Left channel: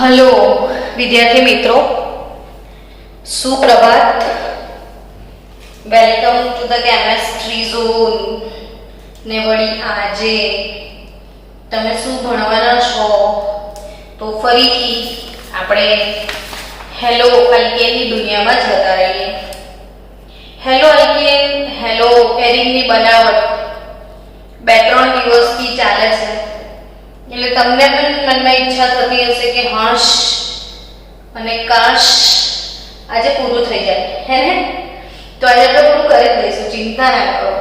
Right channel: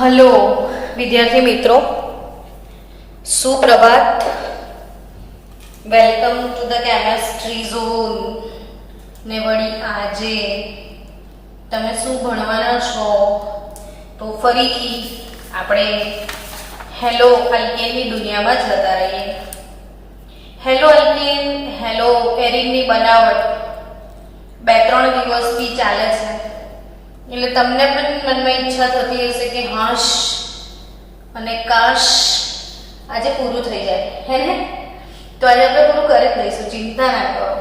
Hello વિદ્યાર્થી મિત્રો, સુપ્રભાત. Welcome to the chemistry zone. ને વળી આજે તમે શું ભણવાના છો? તો ફરીથી આપણે હેલો અલ્કેનની દુનિયામાં જતા રહીએ. હેલો અલ્કેન, હેલો એરિનની બનાવટ 2-3 દિવસથી ચાલે છે, એટલે તમને પણ મનમાં ઈચ્છા થતી હશે કે હાશ અને કાશ આજે પૂરું થઈ જાય, હે ને? તો આજે આપણે પૂરું કરી જ દઈશું, ચિંતા ના કરો.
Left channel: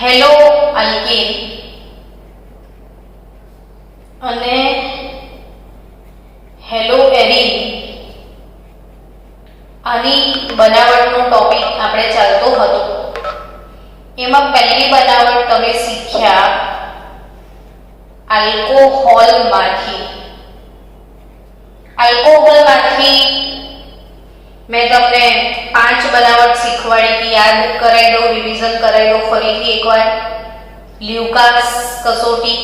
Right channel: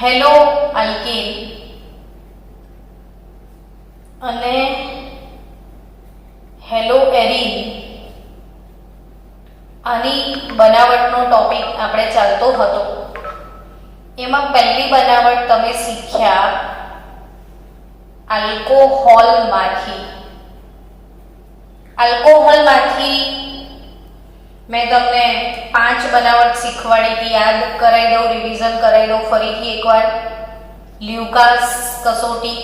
હેલો અલ્કેન અને હેલો એરિન, આની બનાવટનો ટોપિક આપણે ચાલતો હતો. એમાં પહેલી બનાવટ તમે શીખ્યા આલ્કોહોલમાંથી. આલ્કોહોલમાંથી મેં તમને 5 બનાવટ શીખવાડી હતી. યાદ કરાવી દઉં, રિવિઝન કરાવી દઉં ફરીથી એકવાર. લ્યુકાસ કસોટી,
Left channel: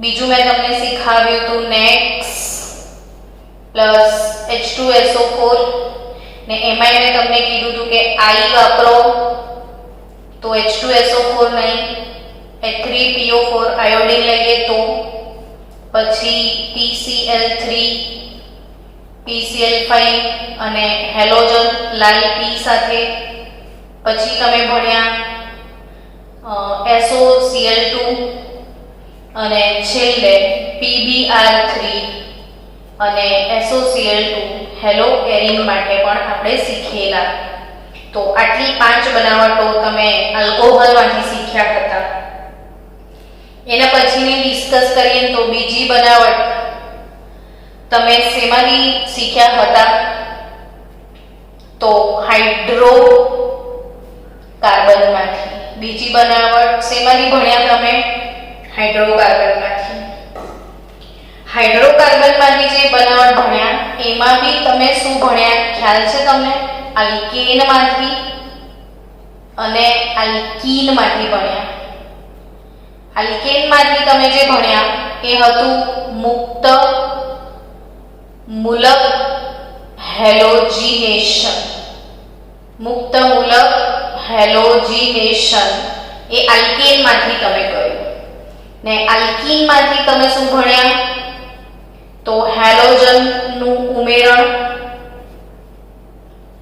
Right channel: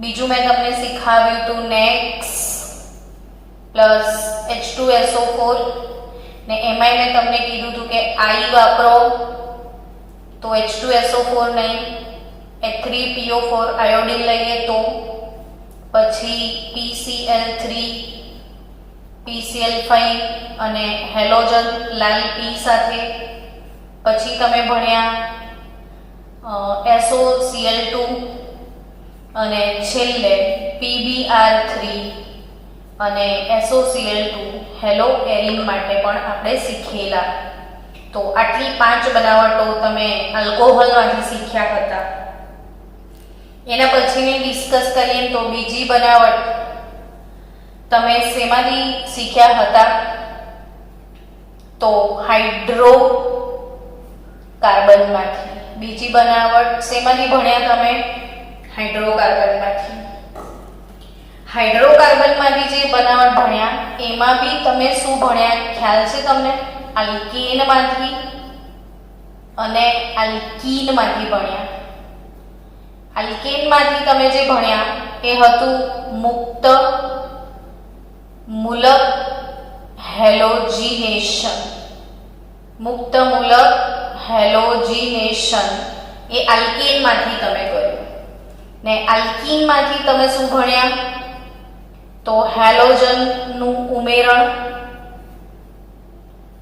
બીજું મેં તમને શીખવાડ્યું હતું નેક્સ પ્લસ H2SO4, ને એમાંય મેં તમને કીધું હતું કે આઈ વાપરો તો H2SO4 નહીં, H3PO4 આયોડિન લઈએ તો, પછી PCl3, PCl5 અને હેલોજન લાલ P સાથે. પછી તમે ભણ્યા SOCl2 અને છેલ્લે PbR3 અને SOCl2 હેલો એરિન માટે પણ આપણે શીખેલા. તો આટલી 5 બનાવટો તમે આલ્કોહોલમાંથી શીખ્યા હતા. એના પછીની ડિસ્કસ કરીએ તો બીજી બનાવટ તમે શેમાંથી શીખ્યા હતા? તો હાઇડ્રોકાર્બનમાંથી. બીજી બનાવટ શેમાંથી ભણ્યા તમે? હાઇડ્રોકાર્બનમાંથી. હાઇડ્રોકાર્બનમાંથી જે બનાવટ ભણ્યા એમાં બી તમે શું ભણ્યા ખ્યાલ છે તમને? આલ્કેનમાંથી અને આલ્કીનમાંથી ભણ્યા. આલ્કેનમાંથી તમે જે ભણ્યા એ હતું મુક્ત મૂલક હેલોજિનેશન. મુક્ત મૂલક હેલોજિનેશન એ આલ્કેનમાંથી તમે કર્યું. ને આલ્કીનમાંથી તમે શું ભણ્યા? તો હેલોજનનું ઉમેરણ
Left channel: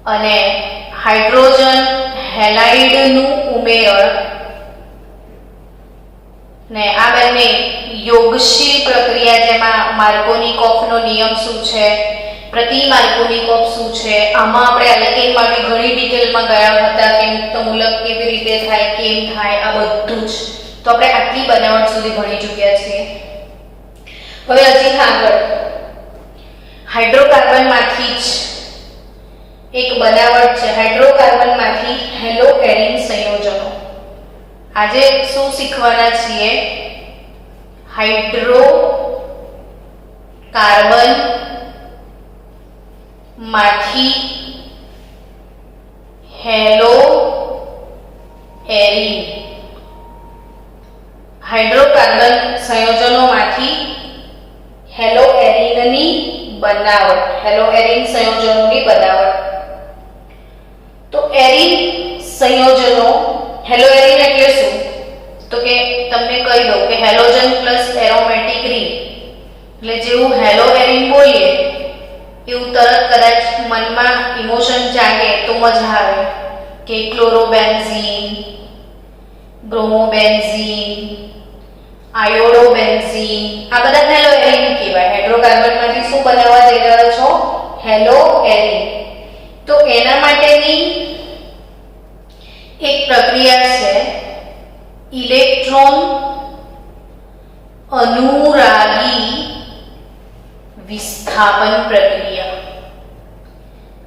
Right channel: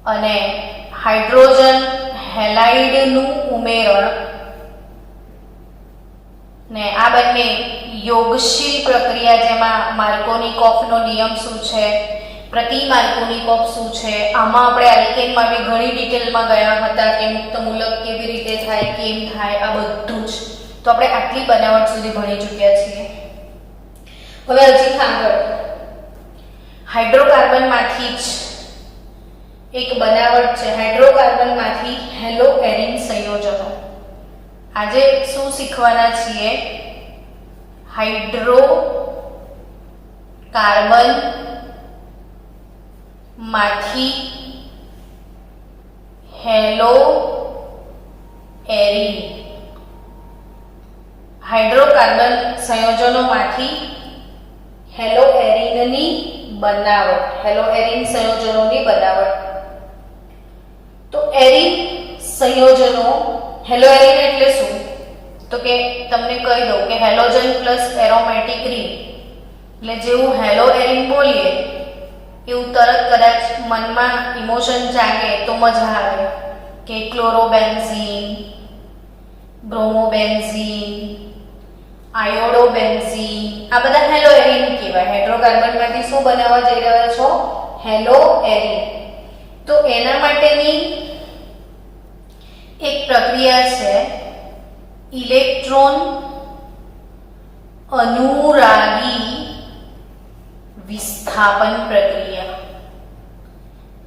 અને હાઇડ્રોજન હેલાઇડનું ઉમેરણ. ને આ બંને યોગશીલ પ્રક્રિયા, જેમાં માર્કોનિકોફનો નિયમ શું છે, પ્રતિ માર્કોનિકોફ શું છે, આમાં આપણે આલ્કેનમાં બી ઘણી ડિટેલમાં ગયા હતા કે મુક્ત મૂલક કેવી રીતે થાય, કેમ થાય, આ બધું જ. તો આપણે આટલી બનાવટ સુધી ભણી ચૂક્યા છીએ. હવે હજી આગળ હાઇડ્રોકાર્બનમાંથી જ એક બનાવટ છે. હાઇડ્રોકાર્બનમાંથી હેલો એરિન સંયોજનો. આજે શું શીખવાના છીએ? હાઇડ્રોકાર્બન માંથી હેલો એરિન. હાઇડ્રોકાર્બન સંયોજનોમાંથી હેલો એરિનની બનાવટ, હેલો એરિન સંયોજનોની બનાવટ. તો એરિન સંયોજનો, હેલો એરિન એટલે શું? તો કે તમને કહી દઉં કે હેલોજન પ્લસ એરોમેટિક રિંગ. એટલે જેવું હેલો એરિન બોલીએ એવું તરત કદાચ મનમાં ઇમોશન જાગે તો મજા આવે કે ક્લોરોબેન્ઝીન, બ્રોમોબેન્ઝીન, આયોડોબેન્ઝીન, આ બધા હેલો એરિન કહેવાય. હાઇડ્રોકાર્બનમાંથી શું બનાવવા જઈ રહ્યા છો? Hello arene. તો એના માટેની એક પ્રક્રિયા છે ઇલેક્ટ્રોન અનુરાગી વિસ્થાપન પ્રક્રિયા.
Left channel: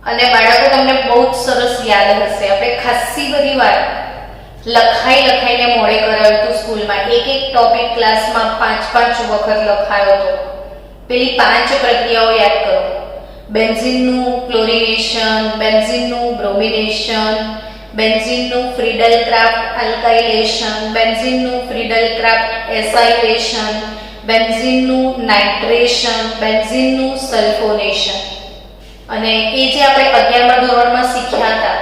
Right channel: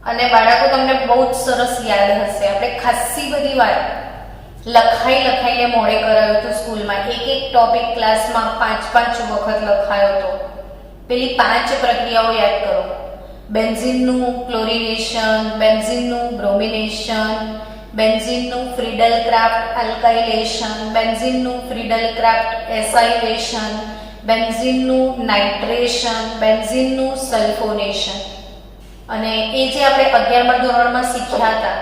અને બાળકો, તમને બહુ જ સરસ યાદ હશે, આપણે ખાસી બધી વાર લખાઈને મોડે કરાવ્યું હતું સ્કૂલમાં. એક ટોપિક ક્લાસમાં 5 વખત લખાયો હતો. પેલી 5 પ્રક્રિયાઓ યાદ કરો: બેન્ઝીનનું ક્લોરિનેશન, બેન્ઝીનનું બ્રોમિનેશન, બેન્ઝીનનું ફ્રીડલ ક્રાફ્ટ આલ્કાઇલેશન, બેન્ઝીનનું ફ્રીડલ ક્રાફ્ટ એસાઇલેશન, બેન્ઝીનનું નાઇટ્રેશન, બેન્ઝીનનું સલ્ફોનેશન. અને એ જે આપણે 11મા ધોરણમાં શીખ્યા હતા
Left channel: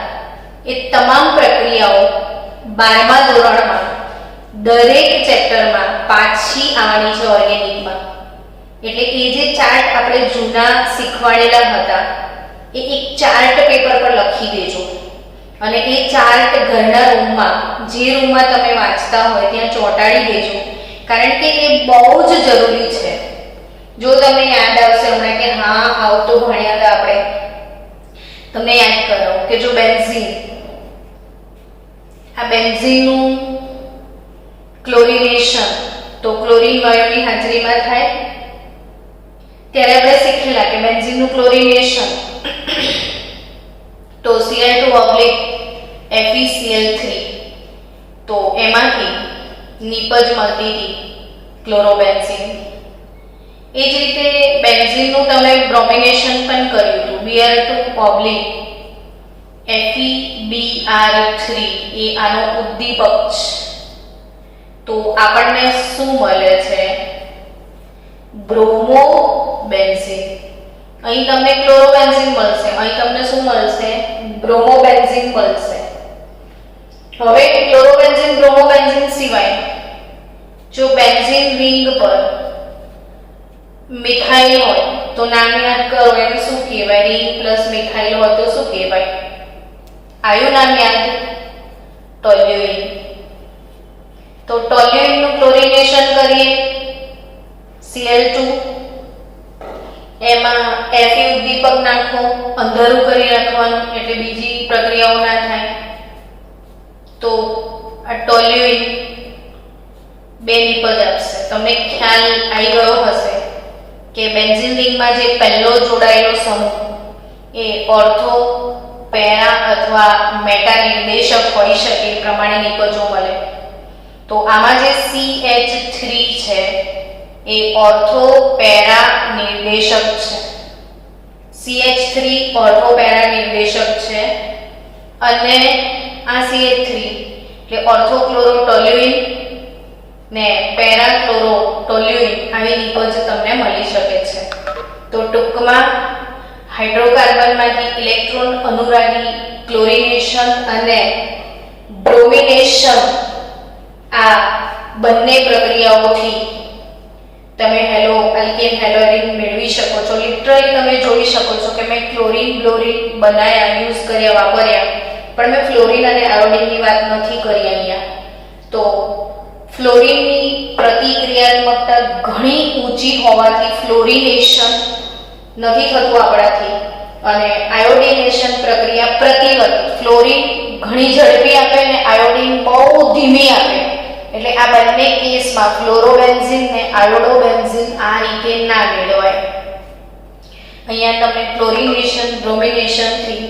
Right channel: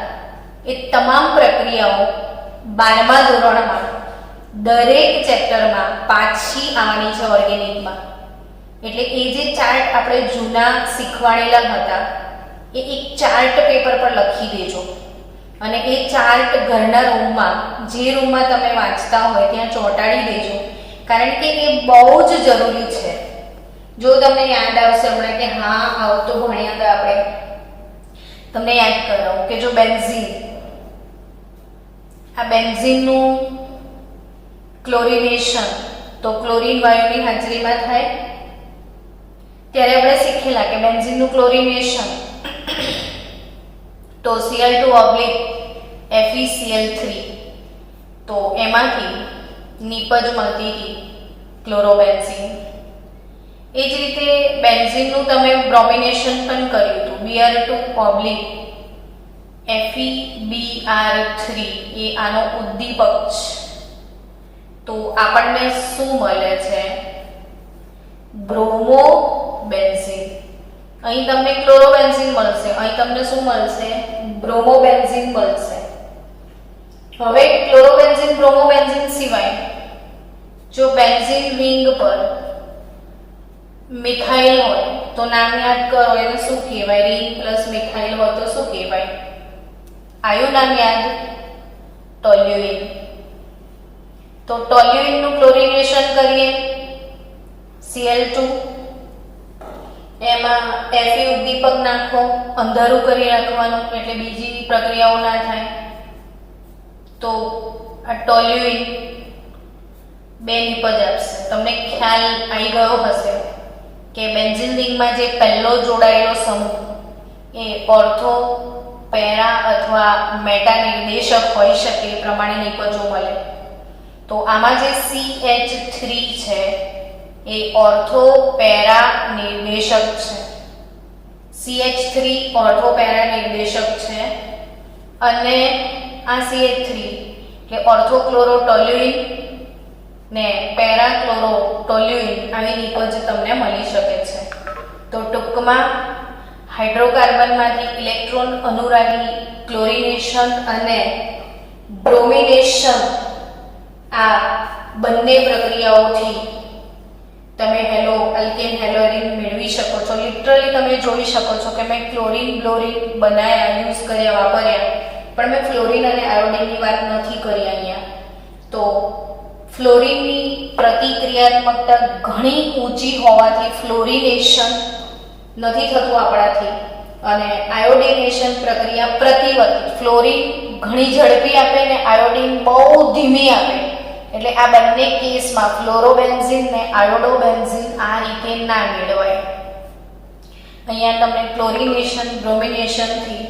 એ તમામ પ્રક્રિયાઓ 12મા ધોરણમાં દરેક ચેપ્ટરમાં પાછી આવવાની છે ઓર્ગેનિકમાં. એટલે એ જે ચાર્ટ આપણે જૂના શીખવાડેલા હતા એ એક ચાર્ટ પેપર પર લખી દેજો અને એ ચાર્ટ ઘરના રૂમમાં, જે રૂમમાં તમે વાંચતા હોય ત્યાં ચોંટાડી દેજો, કારણ કે એ બહુ જ જરૂરી છે. જો તમને યાદ આવશે હમણાં કે હા આવું તો ભણ્યા હતા આપણે, તમને યાદ કરાવો કે જો બેન્ઝીન, આ બેન્ઝીનનું ક્લોરિનેશન તો ક્લોરીન વાયુની હાજરીમાં થાય. ત્યારે આપણે શીખેલા કે બેન્ઝીનનું ક્લોરિનેશન તો Cl2 FeCl3, તો એમાંથી નીપજ મળતી હતી ક્લોરોબેન્ઝીન. એ જ રીતે બેન્ઝીનનું તમે બ્રોમિનેશન પણ કર્યું હતું, Br2 FeBr3, એ આનો ઉદ્દીપક છે. તો આપણને શું મળે છે? બ્રોમોબેન્ઝીન. અહીં તમને ક્લોરોબેન્ઝીન મળશે, અહીં તમને શું મળશે? બ્રોમોબેન્ઝીન મળશે. હવે ક્લોરોબેન્ઝીન, બ્રોમોબેન્ઝીન સિવાય જો બેન્ઝીન રિંગ પર મિથાઇલ હોય તો નામ યાદ કરો, એને શું કહેવાય? રિંગ પ્લસ મિથાઇલ હોય તો શું કહેવાય? આયુ નામ યાદ? ટોલ્યુઇન. તો ટોલ્યુઇનનું ક્લોરિનેશન કરીએ Cl2, એમાં Fe ઉદ્દીપક નાખો, અંધારું કરી નાખવાનું એટલે બીજી પ્રક્રિયાઓ ના થાય. તો આ ટોલ્યુઇન બે નિપજ આપશે. તમને ખ્યાલ આવી ગયો હશે કે બેન્ઝીન રિંગમાં જે પહેલો જોડાયેલો સમૂહ એ ઓર્થો, પેરા અથવા મેટા નિર્દેશક હોઈ શકે, એ પ્રમાણે નિપજો મળે. તો આમાં જે CH3 છે એ ઓર્થો પેરા નિર્દેશક છે. CH3 ઓર્થો પેરા નિર્દેશક છે અને આ CH3 કે ઓર્થો ક્લોરો ટોલ્યુઇન ને પેરા ક્લોરો ટોલ્યુઇન આવી નિપજ તમને મળી શકે છે. તો ટૂંકમાં હાઇડ્રોકાર્બનમાંથી ઇલેક્ટ્રોન અનુરાગી ક્લોરિનેશન અને બ્રોમિનેશન, આ બંને પ્રક્રિયાઓથી તમે હેલો આલ્કેન હેલોરીન મેળવી શકો છો. લિટરલી તમે જોઈ શકો છો કે મેં ક્લોરીન બ્લોરીન બનાવ્યા, યુઝ કર્યા, વાપર્યા, પણ મેં ફ્લોરીન અને આયોડિનની વાત નથી કરી અહીંયા. તો ફ્લોરીનની પ્રતિક્રિયાત્મકતા ઘણી ઊંચી હોવાથી ફ્લોરિનેશન નથી થતું આપણાથી, અને આયોડિનેશન પ્રક્રિયા પ્રતિવર્તી. ફ્લોરીન ઘણી ઝડપી આપે ને આયોડિન બહુ ધીમી આપે. એટલે આ બંને કેસમાં ફ્લોરોબેન્ઝીન ને આયોડોબેન્ઝીન આ રીતે ના મેળવાય. અહીંયા તમે ક્લોરિનેશન, બ્રોમિનેશનથી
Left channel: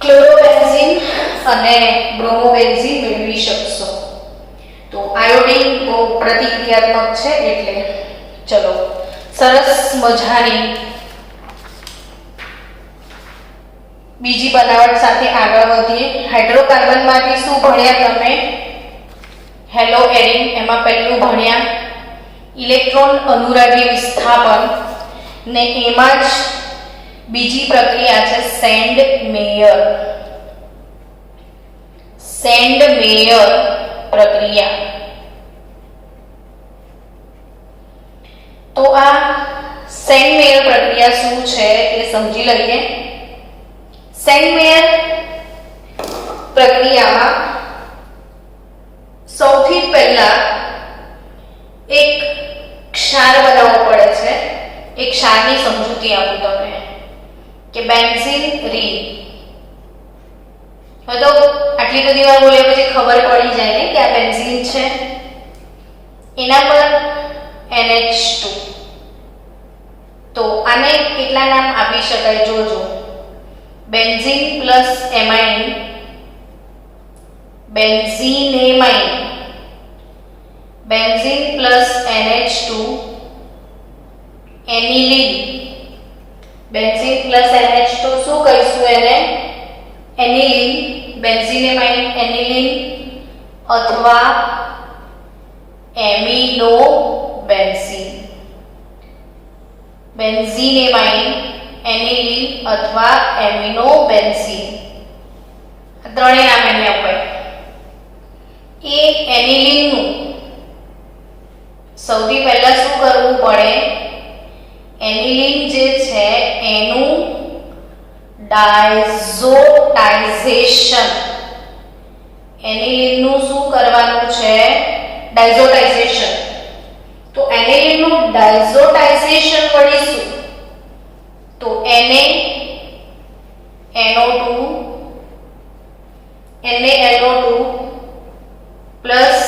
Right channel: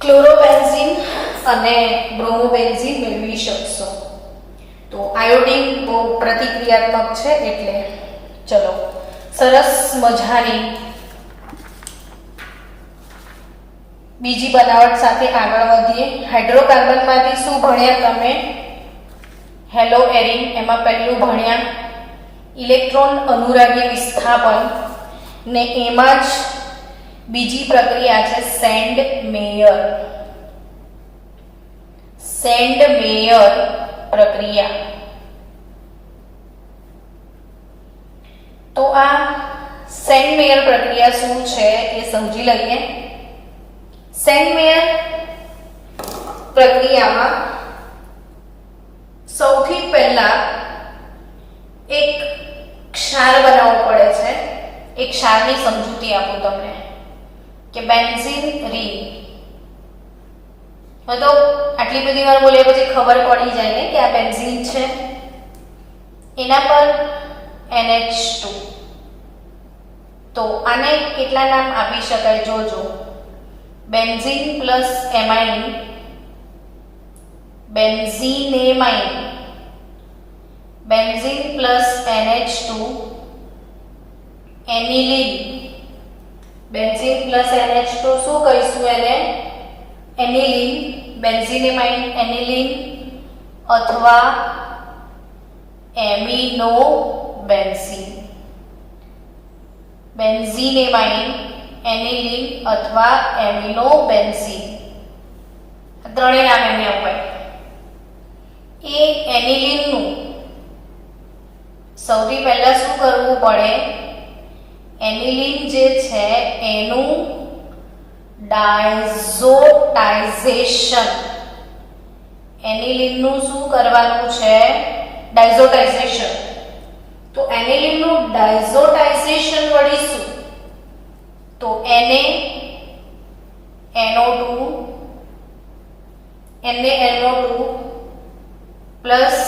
ક્લોરોબેન્ઝીન અને બ્રોમોબેન્ઝીન મેળવી શકશો. તો આયોડિન બહુ પ્રતિક્રિયાત્મક છે. એટલે ચલો સરસ મજાની બીજી બનાવટ સાથે આગળ વધીએ. હાઇડ્રોકાર્બનમાંથી શું ભણ્યા તમે? Hello arene. એમાં પહેલું ભણ્યા ઇલેક્ટ્રોન અનુરાગી વિસ્થાપન ને એમાં જ બીજી પ્રક્રિયા છે સેન્ડ મેયર. સેન્ડ મેયર પ્રક્રિયા. તો આ સેન્ડ મેયર પ્રક્રિયા શું છે એ સમજી લઈએ. સેન્ડ મેયર પ્રક્રિયામાં સૌથી પહેલા એક ક્ષાર બનાવવો પડે છે. એક ક્ષારની સમજૂતી આપું તમને કે બેન્ઝીન રિંગ. તો આટલી બધી વાર બોલ્યા પછી ખબર પડી જાય ને કે આ બેન્ઝીન છે. એના પર NH2. તો આને કેટલા નામ આપી શકાય જોજો. Benzene plus amine, benzenamine, benzene plus NH2 aniline. Benzene plus NH2 શું કહીશું એને? એનિલીન. બેન્ઝીનેમાઇન એનિલીન અથવા એમિનો બેન્ઝીન. બેન્ઝીનેમાઇન, એનિલીન અથવા એમિનોબેન્ઝીન. ત્રણેય નામ એને અપાય. એ એનિલીનનું સૌથી પહેલા શું કરવું પડે? એનિલીન જે છે એનું ડાયઝોટાઇઝેશન. એનિલીનનું શું કરવાનું છે? ડાયઝોટાઇઝેશન. તો એનિલીનનું ડાયઝોટાઇઝેશન વળી શું? તો NaNO2 plus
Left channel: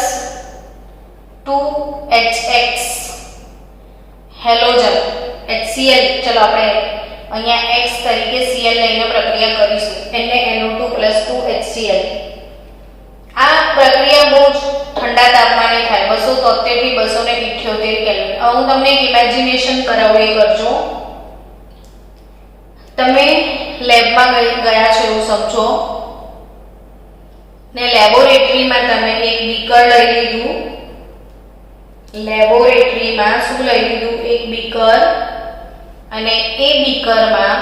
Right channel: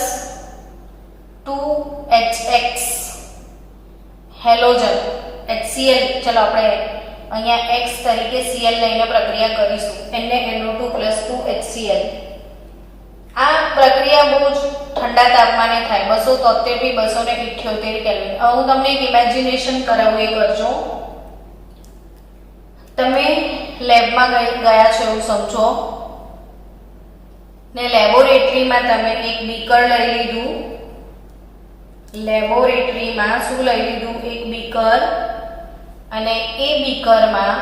2HX halogen HCl. ચલો આપણે અહીંયા X તરીકે Cl લઈને પ્રક્રિયા કરીશું. NaNO2 plus 2HCl. આ પ્રક્રિયા બહુ જ ઠંડા તાપમાને થાય, 273 થી 278 કેલ્વિન. હવે હું તમને એક ઇમેજિનેશન કરાવું, એ કરજો. તમે લેબમાં ગયા છો એવું સમજો ને લેબોરેટરીમાં તમે એક બીકર લઈ લીધું. લેબોરેટરીમાં શું લઈ લીધું? એક બીકર. અને એ બીકરમાં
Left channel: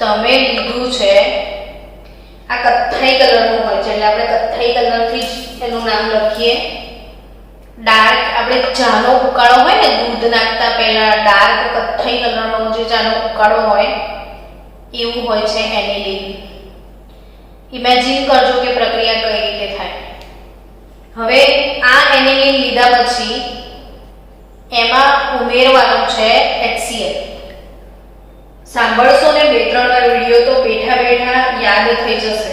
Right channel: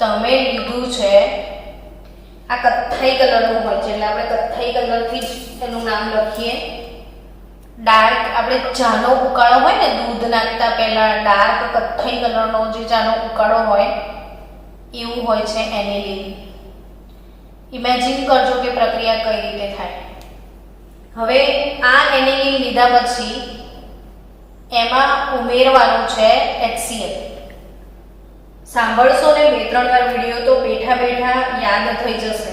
તમે લીધું છે, આ કથ્થાઈ કલરનું હોય છે એટલે આપણે કથ્થાઈ કલરથી જ એનું નામ લખીએ. ડાર્ક, આપણે ચાનો ઉકાળો હોય ને દૂધ નાખતા પહેલા ડાર્ક કથ્થાઈ કલરનો જે ચાનો ઉકાળો હોય એવું હોય છે એનિલીન. ઇમેજિન કરજો કે પ્રક્રિયા કઈ રીતે થાય. હવે આ એનિલીન લીધા પછી એમાં ઉમેરવાનું છે HCl. સાંભળશો ને 2-3 વાર વિડિયો તો બેઠા બેઠા યાદ થઈ જશે.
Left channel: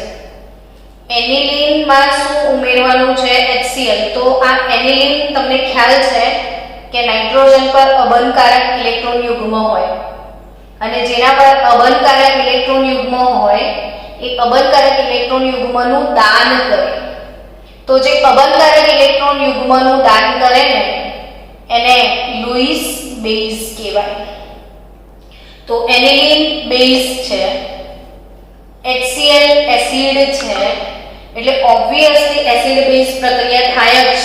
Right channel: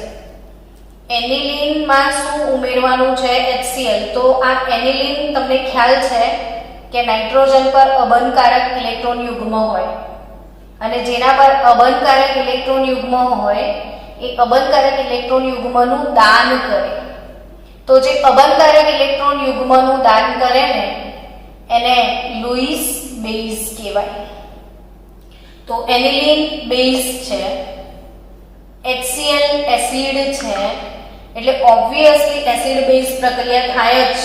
એનિલીનમાં શું ઉમેરવાનું છે? HCl. તો આ એનિલીન તમને ખ્યાલ છે કે નાઇટ્રોજન પર અબંધકારક ઇલેક્ટ્રોન યુગ્મ હોય અને જેના પર અબંધકારક ઇલેક્ટ્રોન યુગ્મ હોય એ અબંધકારક ઇલેક્ટ્રોન યુગ્મનું દાન કરે. તો જે અબંધકારક ઇલેક્ટ્રોન યુગ્મનું દાન કરે ને એને લુઈસ બેઝ કહેવાય. તો એનિલીન બેઝ છે, HCl એસિડ છે, એટલે ઓબ્વિયસલી એસિડ બેઝ પ્રક્રિયા થાય જ,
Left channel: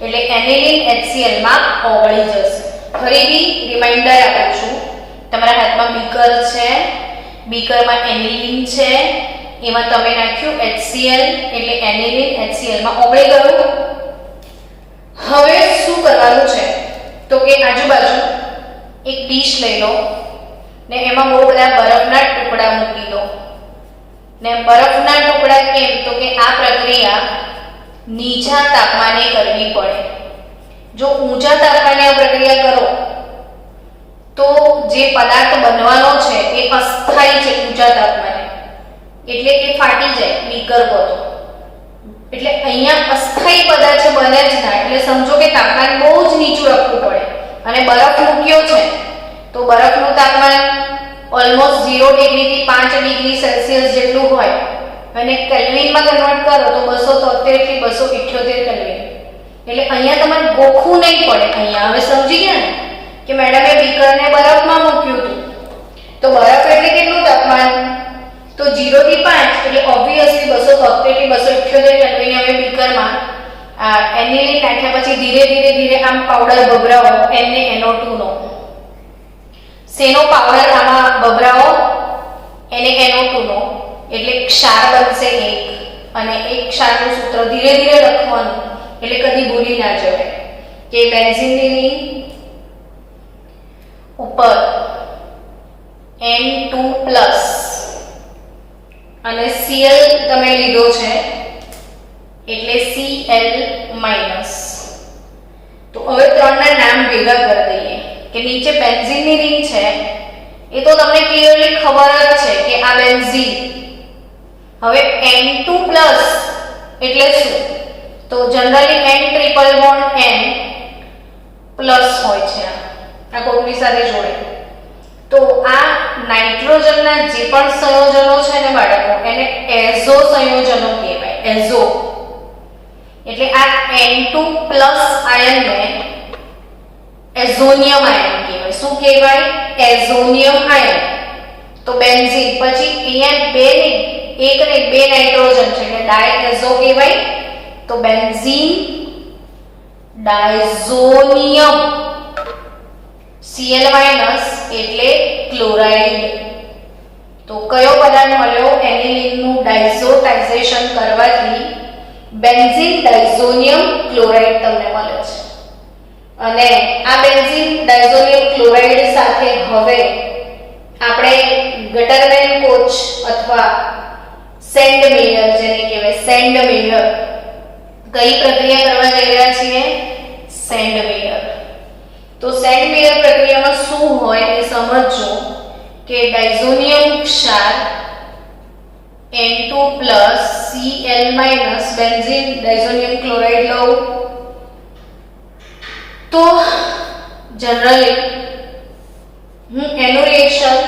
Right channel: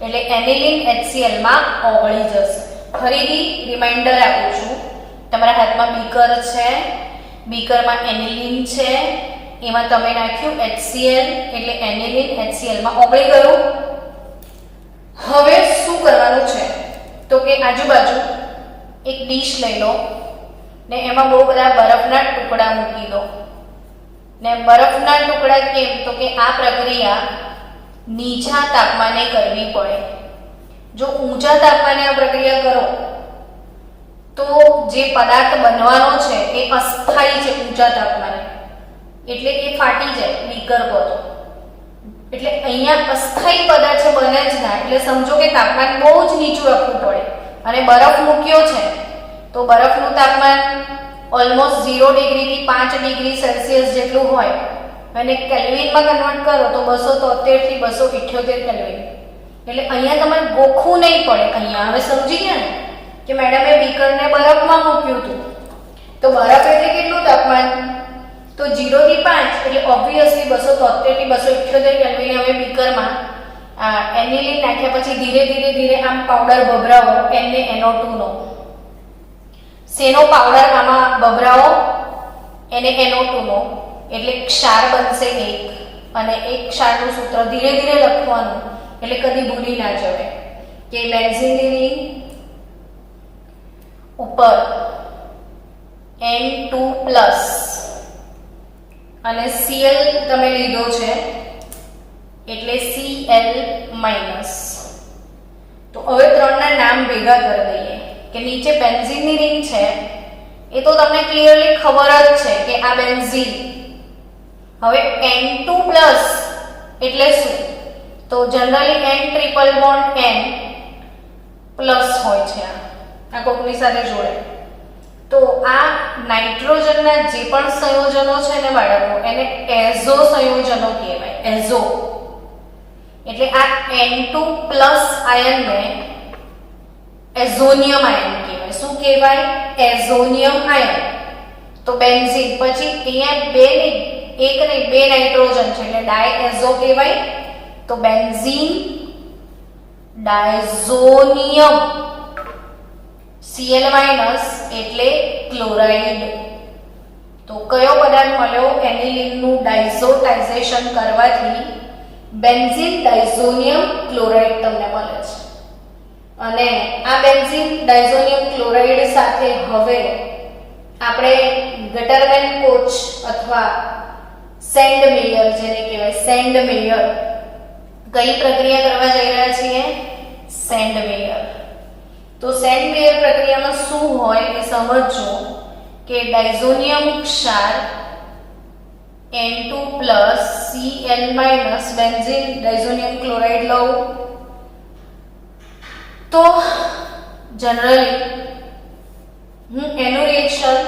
એટલે એનિલીન HCl માં ઓગળી જશે. ફરીથી રિમાઇન્ડર આપું છું, તમારા હાથમાં બીકર છે, બીકરમાં એનિલીન છે, એમાં તમે નાખ્યું HCl એટલે એનિલીન HCl માં ઓગળી ગયું. હવે શું કરવાનું છે? તો કે આજુબાજુ એક ડીશ લઈ લો ને એમાં બહુ બધા બરફના ટુકડા મૂકી દો. ને બરફના ટુકડા કેમ? તો કે આ પ્રક્રિયા નીચા તાપમાને કરવી પડે. જો ઊંચા તાપમાને આ પ્રક્રિયા કરો તો જે પદાર્થ બનવાનો છે એ અસ્થાયી છે ઊંચા તાપમાને, એટલે એ ફાટી જાય બીકર પોતો. એટલે અહીંયા અસ્થાયી પદાર્થ બને જ ના, એટલે સમજો કે તાપમાન બહુ જ નીચું રાખવું પડે. અને બરફ મૂક્યો છે તો બરફનું તાપમાન ઓલમોસ્ટ 0 ડિગ્રીથી 5 ડિગ્રી સેલ્સિયસ જેટલું હોય અને કેલ્વિનમાં કન્વર્ટ કરો તો 273 થી 278 કેલ્વિન. એટલે અહીંયા તમારે ગોખવું નહીં પડે. અહીંયા હવે સમજી ગયા ને કે મેડમે બીકરને બરફમાં મૂક્યું હતું, તો બરફ એટલે કેટલું તાપમાન? તો 0 થી 5 એટલે ઓબ્વિયસલી 273 થી 278 કેલ્વિન. હવે બીકરમાં એનિલીન નાખ્યા પછી ધીરે ધીરે આમ પાવડર ભભરાવો NaNO2 નો. શેનો પાવડર આમાં ભભરાવો? NaNO2 નો. એટલે ક્ષાર બનશે એક, અને એક ક્ષારનું સૂત્ર ધીરે ધીરે લખવાનું એટલે કદી ભૂલી ના જવાય કે બેન્ઝીનની રિંગ ઉપર N2+ અને Cl તમે લીધો છે એટલે Cl-. તો હવે ત્રણના નામ ભેગા કરી દઈએ કે નીચે બેન્ઝીનની રિંગ છે એ તો તમને ક્લિયરલી ખબર જ છે કે આ બેન્ઝીન. હવે N2+ એટલે શું? તો જનરલી N=N પ્લસ હોય છે આ કોકની સાથે જોડે. તો આ નાઇટ્રોજનના જે પણ સંયોજનો છે ને બાળકો એને એઝો સંયોજનો કહેવાય. એઝો એટલે આ N2+ આયનને એઝોનિયમ આયન કહેવાય. શું કહેવાય? એઝોનિયમ આયન. તો બેન્ઝીન પછી અહીંયા બે નાઇટ્રોજન છે એટલે ડાયએઝો કહેવાય. તો benzene diazonium. C Cl minus એટલે ક્લોરાઇડ. તો કયો પદાર્થ મળ્યો? એનિલિનનું ડાયઝોટાઇઝેશન કરવાથી બેન્ઝીન ડાયઝોનિયમ ક્લોરાઇડ તમને મળે છે. અને આ બેન્ઝીન ડાયઝોનિયમ ક્લોરાઇડ સાથે હવે આપણે ગટરમેન કોચ અથવા સેન્ડમેયર જેને કહેવાય સેન્ડમેયર કઈ પ્રક્રિયા કરવા જઈ રહ્યા છીએ? સેન્ડમેયર. તો સેન્ડમેયર પ્રક્રિયામાં શું હોય એ સમજજો કે ડાયઝોનિયમ ક્ષાર Na2 Cl benzene diazonium chloride લઉં તો જનરલી એનું રિએક્શન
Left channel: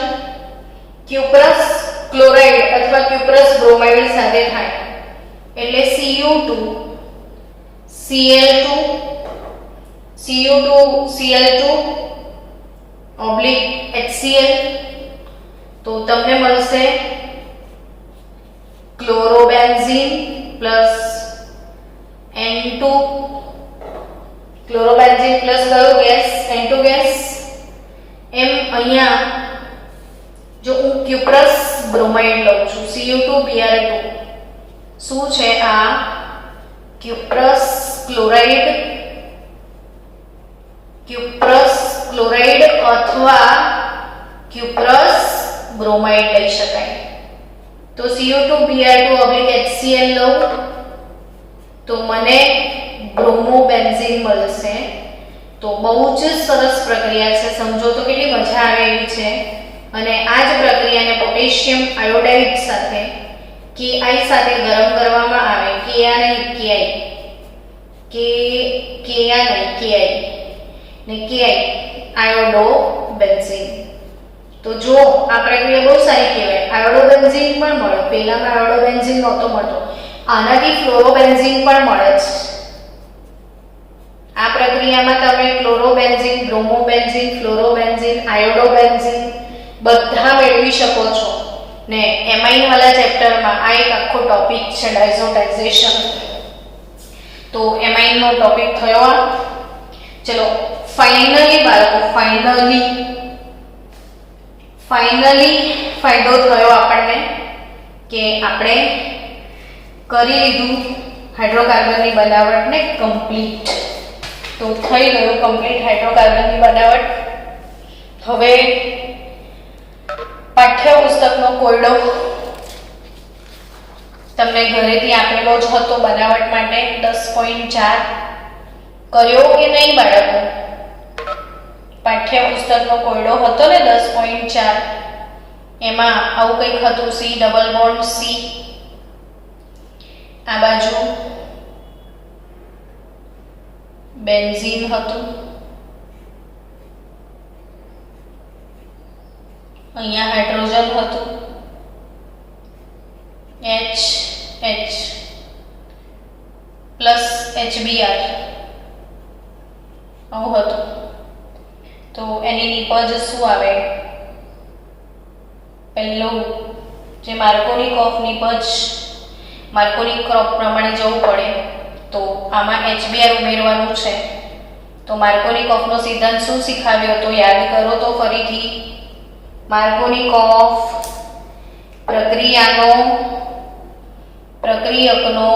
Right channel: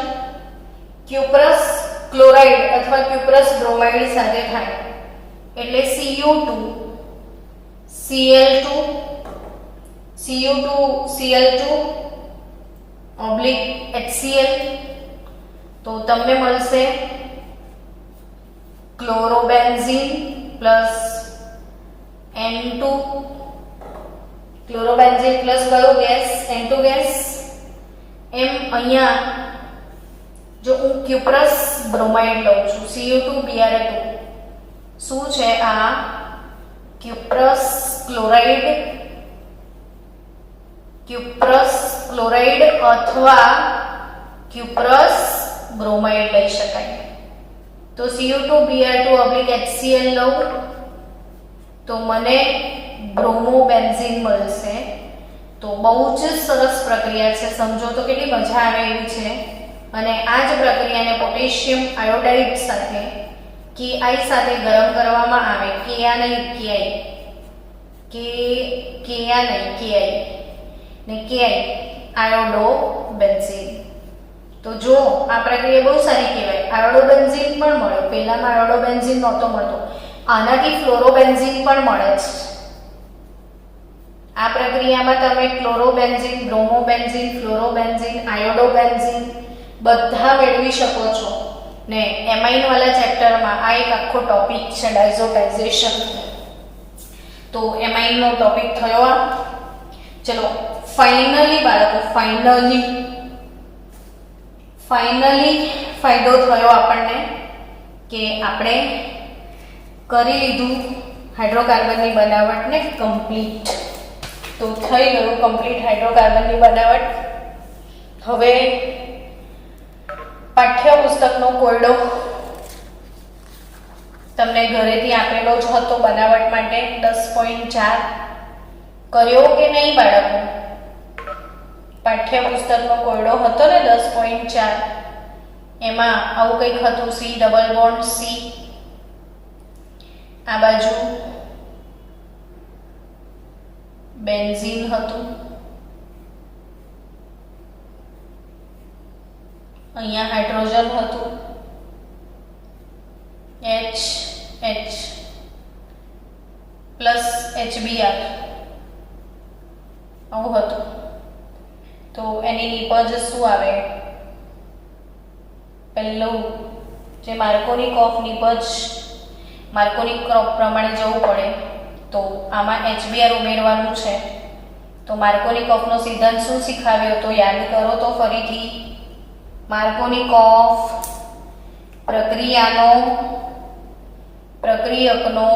ક્યુપ્રસ ક્લોરાઇડ અથવા ક્યુપ્રસ બ્રોમાઇડ સાથે થાય એટલે Cu2 Cl2 Cu2Cl2 HCl તો તમને મળશે chlorobenzene plus N2 chlorobenzene plus કયો ગેસ? N2 gas. એમ અહીંયા જો હું ક્યુપ્રસ બ્રોમાઇડ લઉં છું Cu2Br2 શું છે? આ ક્યુપ્રસ ક્લોરાઇડ અથવા ક્યુપ્રસ બ્રોમાઇડ લઈ શકાય. તો Cu2Br2 HCl લઉં તો મને બ્રોમોબેન્ઝીન મળશે. તો બહુ જ સરસ પ્રક્રિયા છે, સમજો તો કેટલી મજા આવે એવી છે. અને આ જ પ્રક્રિયાને પોટેશિયમ આયોડાઇડ સાથે Ki સાથે ગરમ કરવામાં આવે. Ki ને Ki આયોડોબેન્ઝીન. તો જો આ પ્રક્રિયા બહુ સારી કહેવાય. આયોડોબેન્ઝીન પણ મળે. પહેલામાં આયોડોબેન્ઝીન નહોતો મળતો, આનાથી ફ્લોરોબેન્ઝીન પણ મળે છે. આ પ્રક્રિયામાં તમે ક્લોરોબેન્ઝીન, બ્રોમોબેન્ઝીન, ફ્લોરોબેન્ઝીન, આયોડોબેન્ઝીન બધા મેળવી શકો છો. ને એમાઇન વાળા ચેપ્ટરમાં આ એક આખો ટોપિક છે ડાયઝોટાઇઝેશન. તો એમાઇન નો ટોપિક થયો આ. ચલો ફાઇનલી બાળકો ફાઇનલી ફાયદો થયો આપણને કે આપણે કરી લીધું હાઇડ્રોકાર્બનની બનાવટને કમ્પ્લીટ. તો થઈ ગયું કમ્પ્લીટ હાઇડ્રોકાર્બનની બનાવટ. હવે પાઠ્યપુસ્તકનો કોયડો તમને ઘરેથી આપેલો જ હતો બનાવટ માટે 10.4 કર્યો કે નહીં બાળકો? પાઠ્યપુસ્તકનો કોયડો હતો ને 10.4, એમાં આવું કંઈક હતું C ડબલ બોન્ડ C, આ બાજુ બેન્ઝીન હતું, અહીંયા હાઇડ્રોજન હતું H પ્લસ HBr આવું હતું. તો એની નીપજ શું આવે? પહેલું જે માર્કોનિકોફ નીપજ માર્કોનિકોફ પ્રમાણે જવું પડે તો આમાં HBr ઉમેરવાનું છે. તો માર્કોનિકોફનો સિદ્ધાંત શું શીખવ્યો તો યાદ કરો તો ફરીથી. માર્કોનિકોફ પ્રક્રિયકનો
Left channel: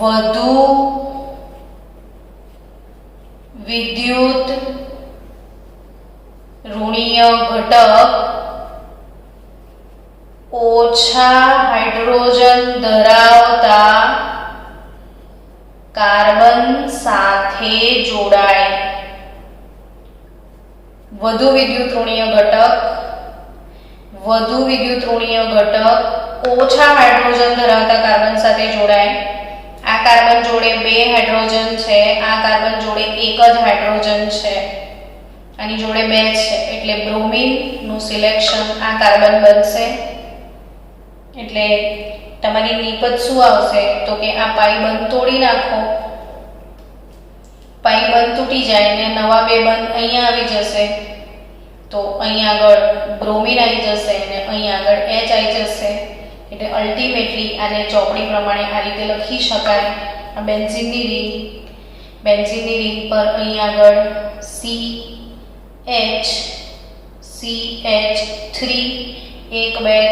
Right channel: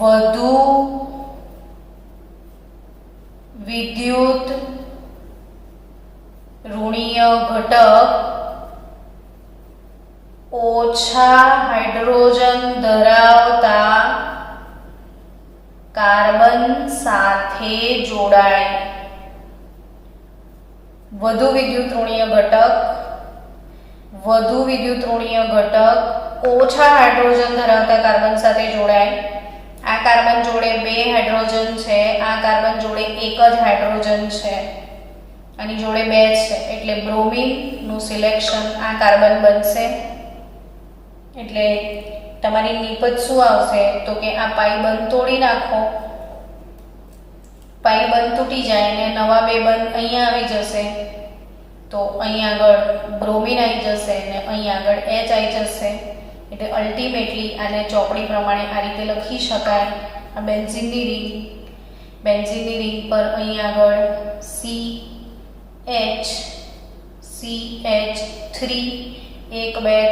વધુ વિદ્યુત ઋણીય ઘટક ઓછા હાઇડ્રોજન ધરાવતા કાર્બન સાથે જોડાય. વધુ વિદ્યુત ઋણીય ઘટક ઓછા હાઇડ્રોજન ધરાવતા કાર્બન સાથે જોડાય. આ કાર્બન જોડે 2 હાઇડ્રોજન છે, આ કાર્બન જોડે 1 જ હાઇડ્રોજન છે, આની જોડે 2 છે, એટલે બ્રોમિન નું સિલેક્શન આ કાર્બન બનશે. એટલે તમારી નીપજ શું આવશે તો કે આ પાઈ બંધ તોડી નાખો, પાઈ બંધ તૂટી જાય ને નવા 2 બંધ અહીંયા આવી જશે. તો અહીંયા આગળ બ્રોમિન આવી જશે અને અહીંયા આગળ H આવી જશે. એટલે અલ્ટિમેટલી આને ચોપડી પ્રમાણે આ રીતે લખી શકાય. આ બેન્ઝીનની રીત બેન્ઝીનની રિંગ પર અહીં આગળ CH3 1 2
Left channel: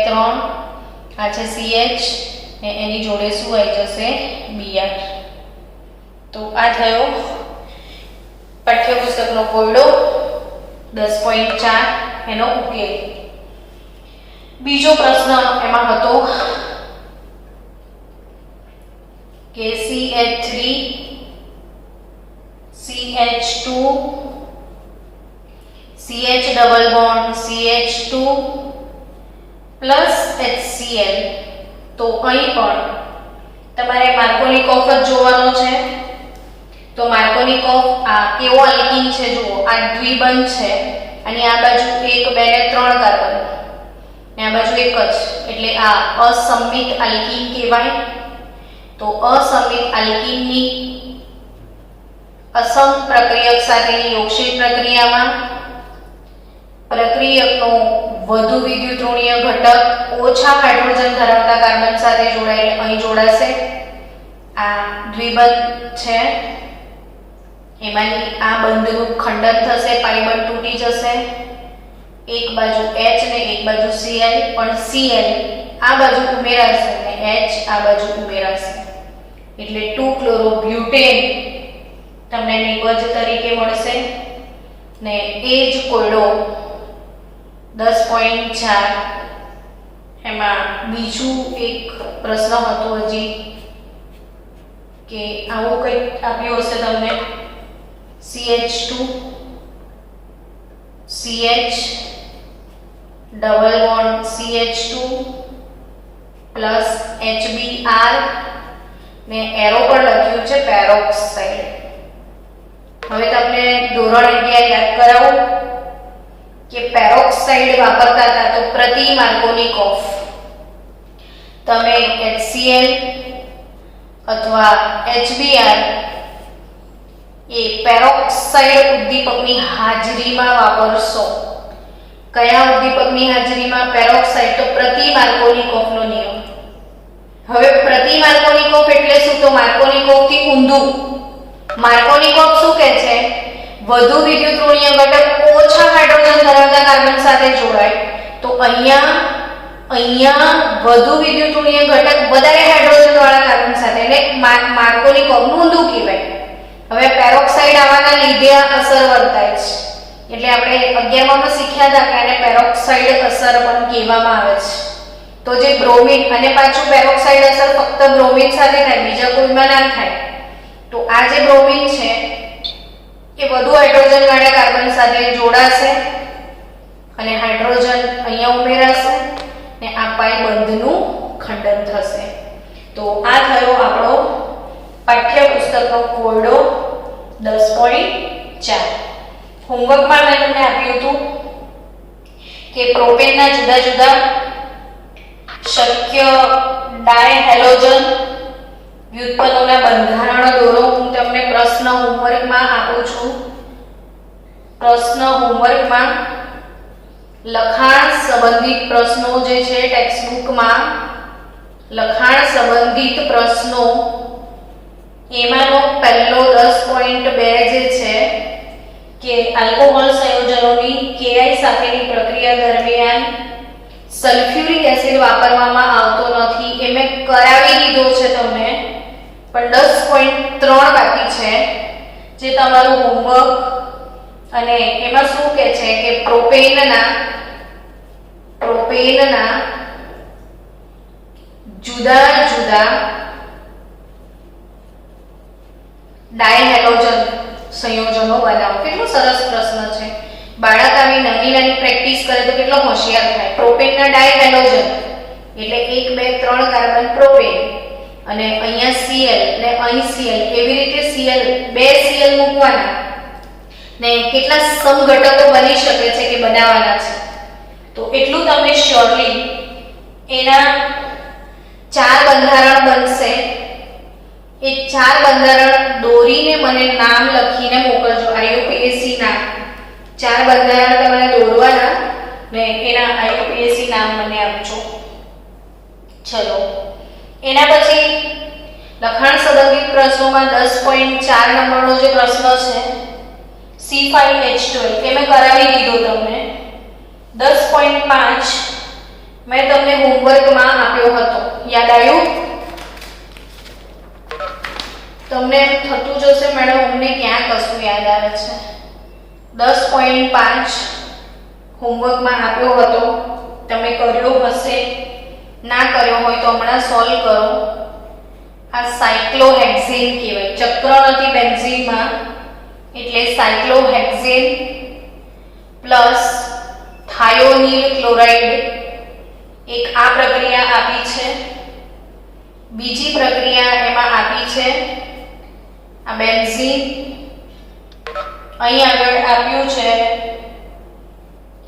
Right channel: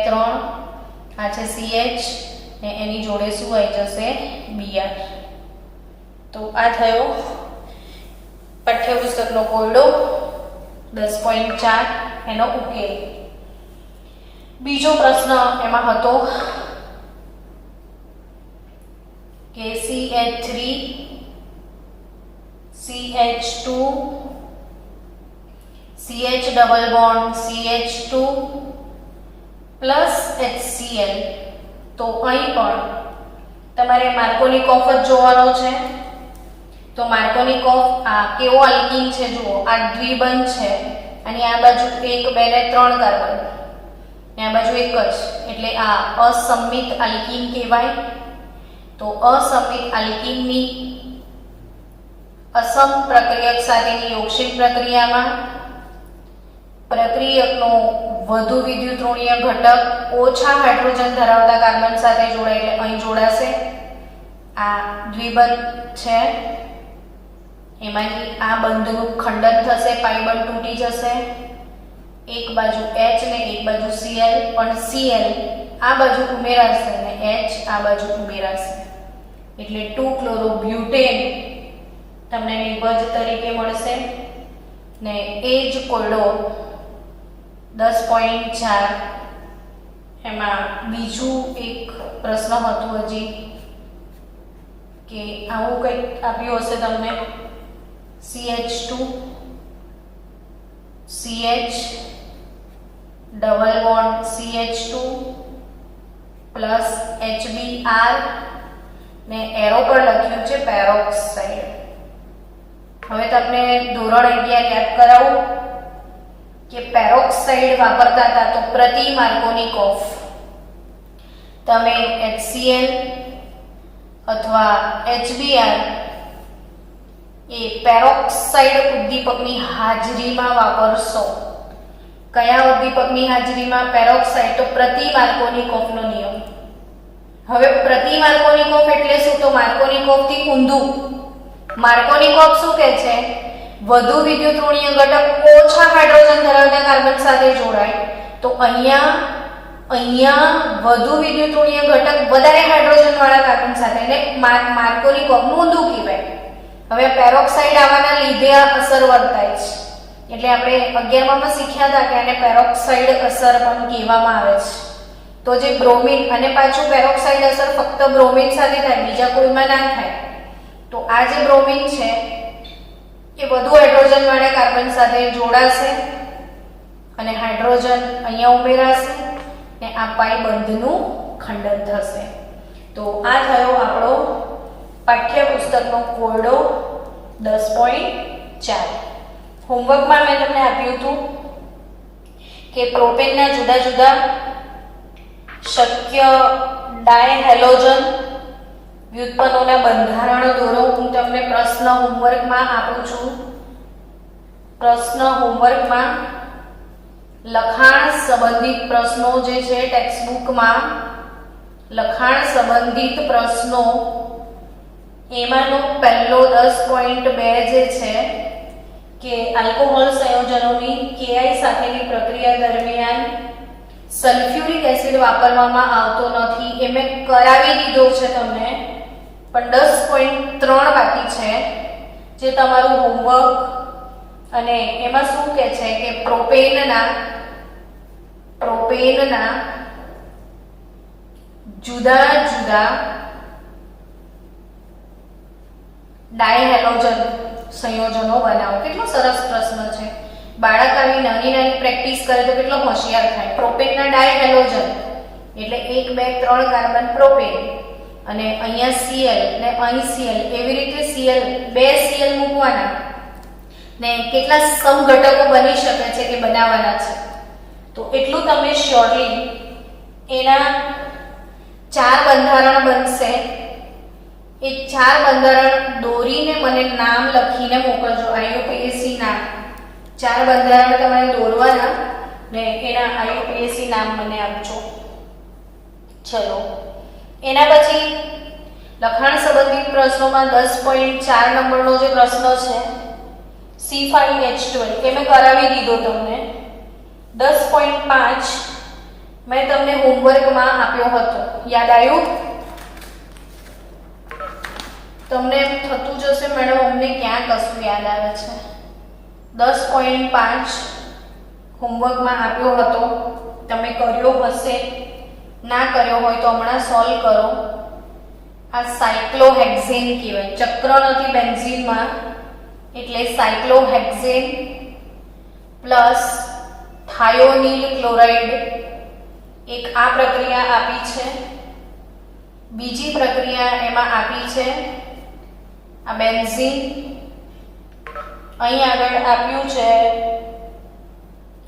3 આ છે CH ને એની જોડે શું આવી જશે Br. તો આ થયો પાઠ્યપુસ્તકનો કોયડો 10.4 એનો ઉકેલ. બીજો પ્રશ્ન એમાં હતો કે CH3 CH2 CH double bond CH2 plus HCl. તો અહીં પણ તમારે માર્કોનિકોફ જ જોવાનો છે. તો માર્કોનિકોફ આ કેવો આલ્કીન છે જુઓ, આ દ્વિબંધ છે અને આ બાજુ 1 2 ને 3 કાર્બન ને આ બાજુ એક જ, એટલે આ અસંમિત આલ્કીન કહેવાય. તો અસંમિત આલ્કીનની અસમ પ્રક્રિયક સાથેની યોગશીલ પ્રક્રિયામાં પ્રક્રિયકનો વધુ વિદ્યુત ઋણીય ઘટક ઓછા હાઇડ્રોજન ધરાવતા કાર્બન સાથે જોડાઈને અહીં જોડાશે. આ દ્વિબંધ છે, એમાંની આ બંધનું ખંડન થશે, પાઈ બંધ તૂટી જશે. એક બાજુ H ને એક બાજુ Cl, પણ Cl આ બાજુ ઉમેરાશે અને H આ બાજુ ઉમેરાશે, એટલે 2-ક્લોરોબ્યુટેન તમને નિવજ તરીકે મળશે. ને એ જ કોયડો 10.4 એમાં બીજું એક પ્રશ્ન હતો હજી કે આવું કંઈક આપ્યું હશે તમને CH2 CH double bond CH2 plus HBr ને એરો પર લખ્યું છે પેરોક્સાઇડ. હવે તમને ધોરણ 11 યાદ કરાવું કે પેરોક્સાઇડ વાપરતા હતા તો પ્રતિ માર્કોનિકોફ તમે HCl અથવા HBr એ પેરોક્સાઇડ ઉદ્દીપકની હાજરીમાં વાપરશો. કયા ઉદ્દીપકની હાજરીમાં? પેરોક્સાઇડ. તો પ્રતિ માર્કોનિકોફનો નિયમ. હવે પ્રતિ માર્કોનિકોફ એટલે શું? તો માર્કોનિકોફ થી ઊંધું. માર્કોનિકોફ શું કહે છે? વધુ વિદ્યુત ઋણીય ઘટક ઓછા હાઇડ્રોજન ધરાવતા કાર્બન સાથે જોડાય. તો અહીંયા વધુ વિદ્યુત ઋણીય ઘટક વધારે હાઇડ્રોજન વાળા કાર્બન સાથે, એટલે માર્કોનિકોફ ઊંધું કહેવાય. હવે પેરોક્સાઇડ આવવાના લીધે અસર વર્તાય છે, એટલે આપણે 11માં શીખ્યા હતા કે આને પેરોક્સાઇડ અસર પણ કહેવામાં આવે છે. તો જે બ્રોમિન, અને પાછું પેરોક્સાઇડ અસર ફક્ત બ્રોમિન સાથે થાય, બીજા કોઈમાં ના થાય. તો આ જે બ્રોમિન છે એ વધુ હાઇડ્રોજન વાળા કાર્બન સાથે જોડાશે અને હાઇડ્રોજન અહીંયા ઉમેરાશે ને આ પાઈ બંધનું ખંડન થશે. તો આ થયો આપણો પાઠ્યપુસ્તકનો કોયડો 10.4. હોમવર્કમાં મેં તમને આપ્યું હતું કે પ્રોપેનના જુદા જુદા શક્ય ડાયહેલોજન વ્યુત્પન્નોના બંધારણો દોરો. હું તમને પ્રશ્ન હોમવર્કમાં આપું છું. પ્રશ્ન હોમવર્કમાં લખાણ સંબંધિત પ્રશ્નો જે છે ટેક્સ્ટબુકમાં લખાણ સંબંધિત પ્રશ્નો એમાંનો પહેલો 10.2 જે છે કે આલ્કોહોલ સંયોજનોની Ki સાથેની પ્રક્રિયા દરમિયાન સલ્ફ્યુરિક એસિડ વાપરવામાં આવતો નથી, એ મેં કરાવી દીધો છે તમને, પણ 10.3 બાકી છે જે તમારું હોમવર્ક. અને એમાં શું કહે છે કે પ્રોપેનના જુદા જુદા ડાયહેલોજન સંયોજનો બનાવો. કેટલો સરસ પ્રશ્ન છે. બાળક આવી નાની નાની પ્રેક્ટિસ કરે તો કેટલો હોશિયાર થાય. પ્રોપેનના ડાયહેલોજન એટલે 1 2 3 કાર્બન પ્રોપેન અને અહીંયા Cl ને અહીં Cl, એવી રીતે Cl 2 Cl મૂકવાના ને કેટલા સમઘટકો બની શકે છે કે બનાવવાના છે. તો એટલું તમને શ્યોરલી એના 4 બંધારણ બનશે. એ 4 બંધારણ દોરીને મને નામ લખીને મોકલજો. IUPAC નામ 4 બંધારણ તમારે દોરવાના ને એના IUPAC નામ મને આપજો. ચલો, એના પછી લખાણ સંબંધિત પ્રશ્નોમાં 10.4 નંબરનો જે પ્રશ્ન છે C5H12 તે મેં કરાવી દીધો તમને. 10.5 મેં તમને હોમવર્કમાં આપ્યો હતો, યાદ આવ્યું? તમને થતું જશે મેડમ અમને ક્યાં કશું યાદ આવે છે. 10.5 હોમવર્કમાં આપ્યો હતો, તમે કર્યો હશે, ના કર્યો હોય તો હમણાં સોલ્વ કરો. આ સાયક્લોહેક્ઝેન કહેવાય, ચક્ર નથી બેન્ઝીનમાં એટલે સાયક્લોહેક્ઝેન પ્લસ થાયોનિલ ક્લોરાઇડ. એક આ પ્રક્રિયા આપી છે, બીજી પ્રક્રિયા એમાં આપી છે આ બેન્ઝીન. અહીં આગળ આપ્યું છે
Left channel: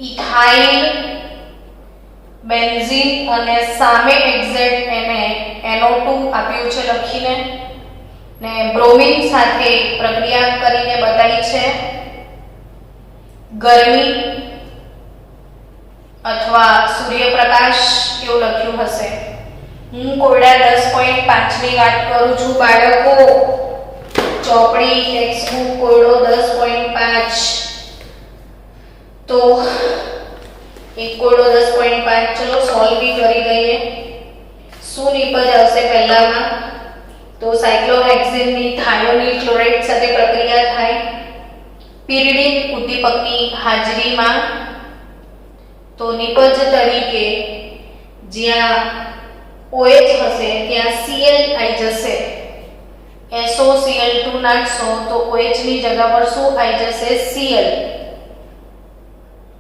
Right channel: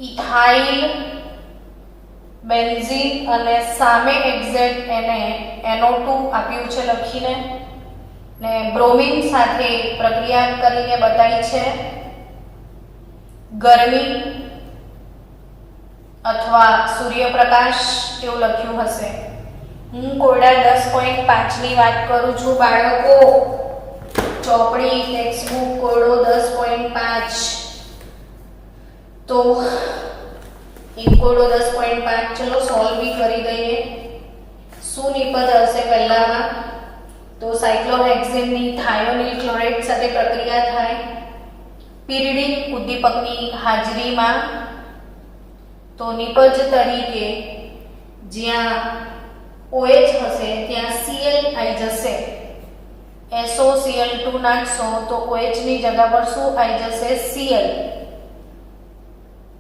ઇથાઇલ બેન્ઝીન અને સામે એક્ઝેક્ટ એને NO2 આપ્યું છે લખીને, ને બ્રોમિન સાથે પ્રક્રિયા કરીને બતાવી છે. ગરમી અથવા સૂર્યપ્રકાશ એવું લખ્યું હશે. હું કોયડા 10.5 ની વાત કરું છું બાળકો. ચોપડી ટેક્સ્ટબુક કોયડો 10.5. તો એક કોયડો 10.5 ચલો સોલ્વ બી કરી દઈએ. શું નિપજ આવશે પહેલામાં? તો સાયક્લોહેક્ઝેનની થાયોનિલ ક્લોરાઇડ સાથે પ્રક્રિયા થાય પીરિડિન ઉદ્દીપકની હાજરીમાં. તો નિપજ તરીકે જ્યાં OH હશે ત્યાં Cl આવી જશે. SOCl2 નાખશો તો OH ની જગ્યા પર શું આવી જશે? Cl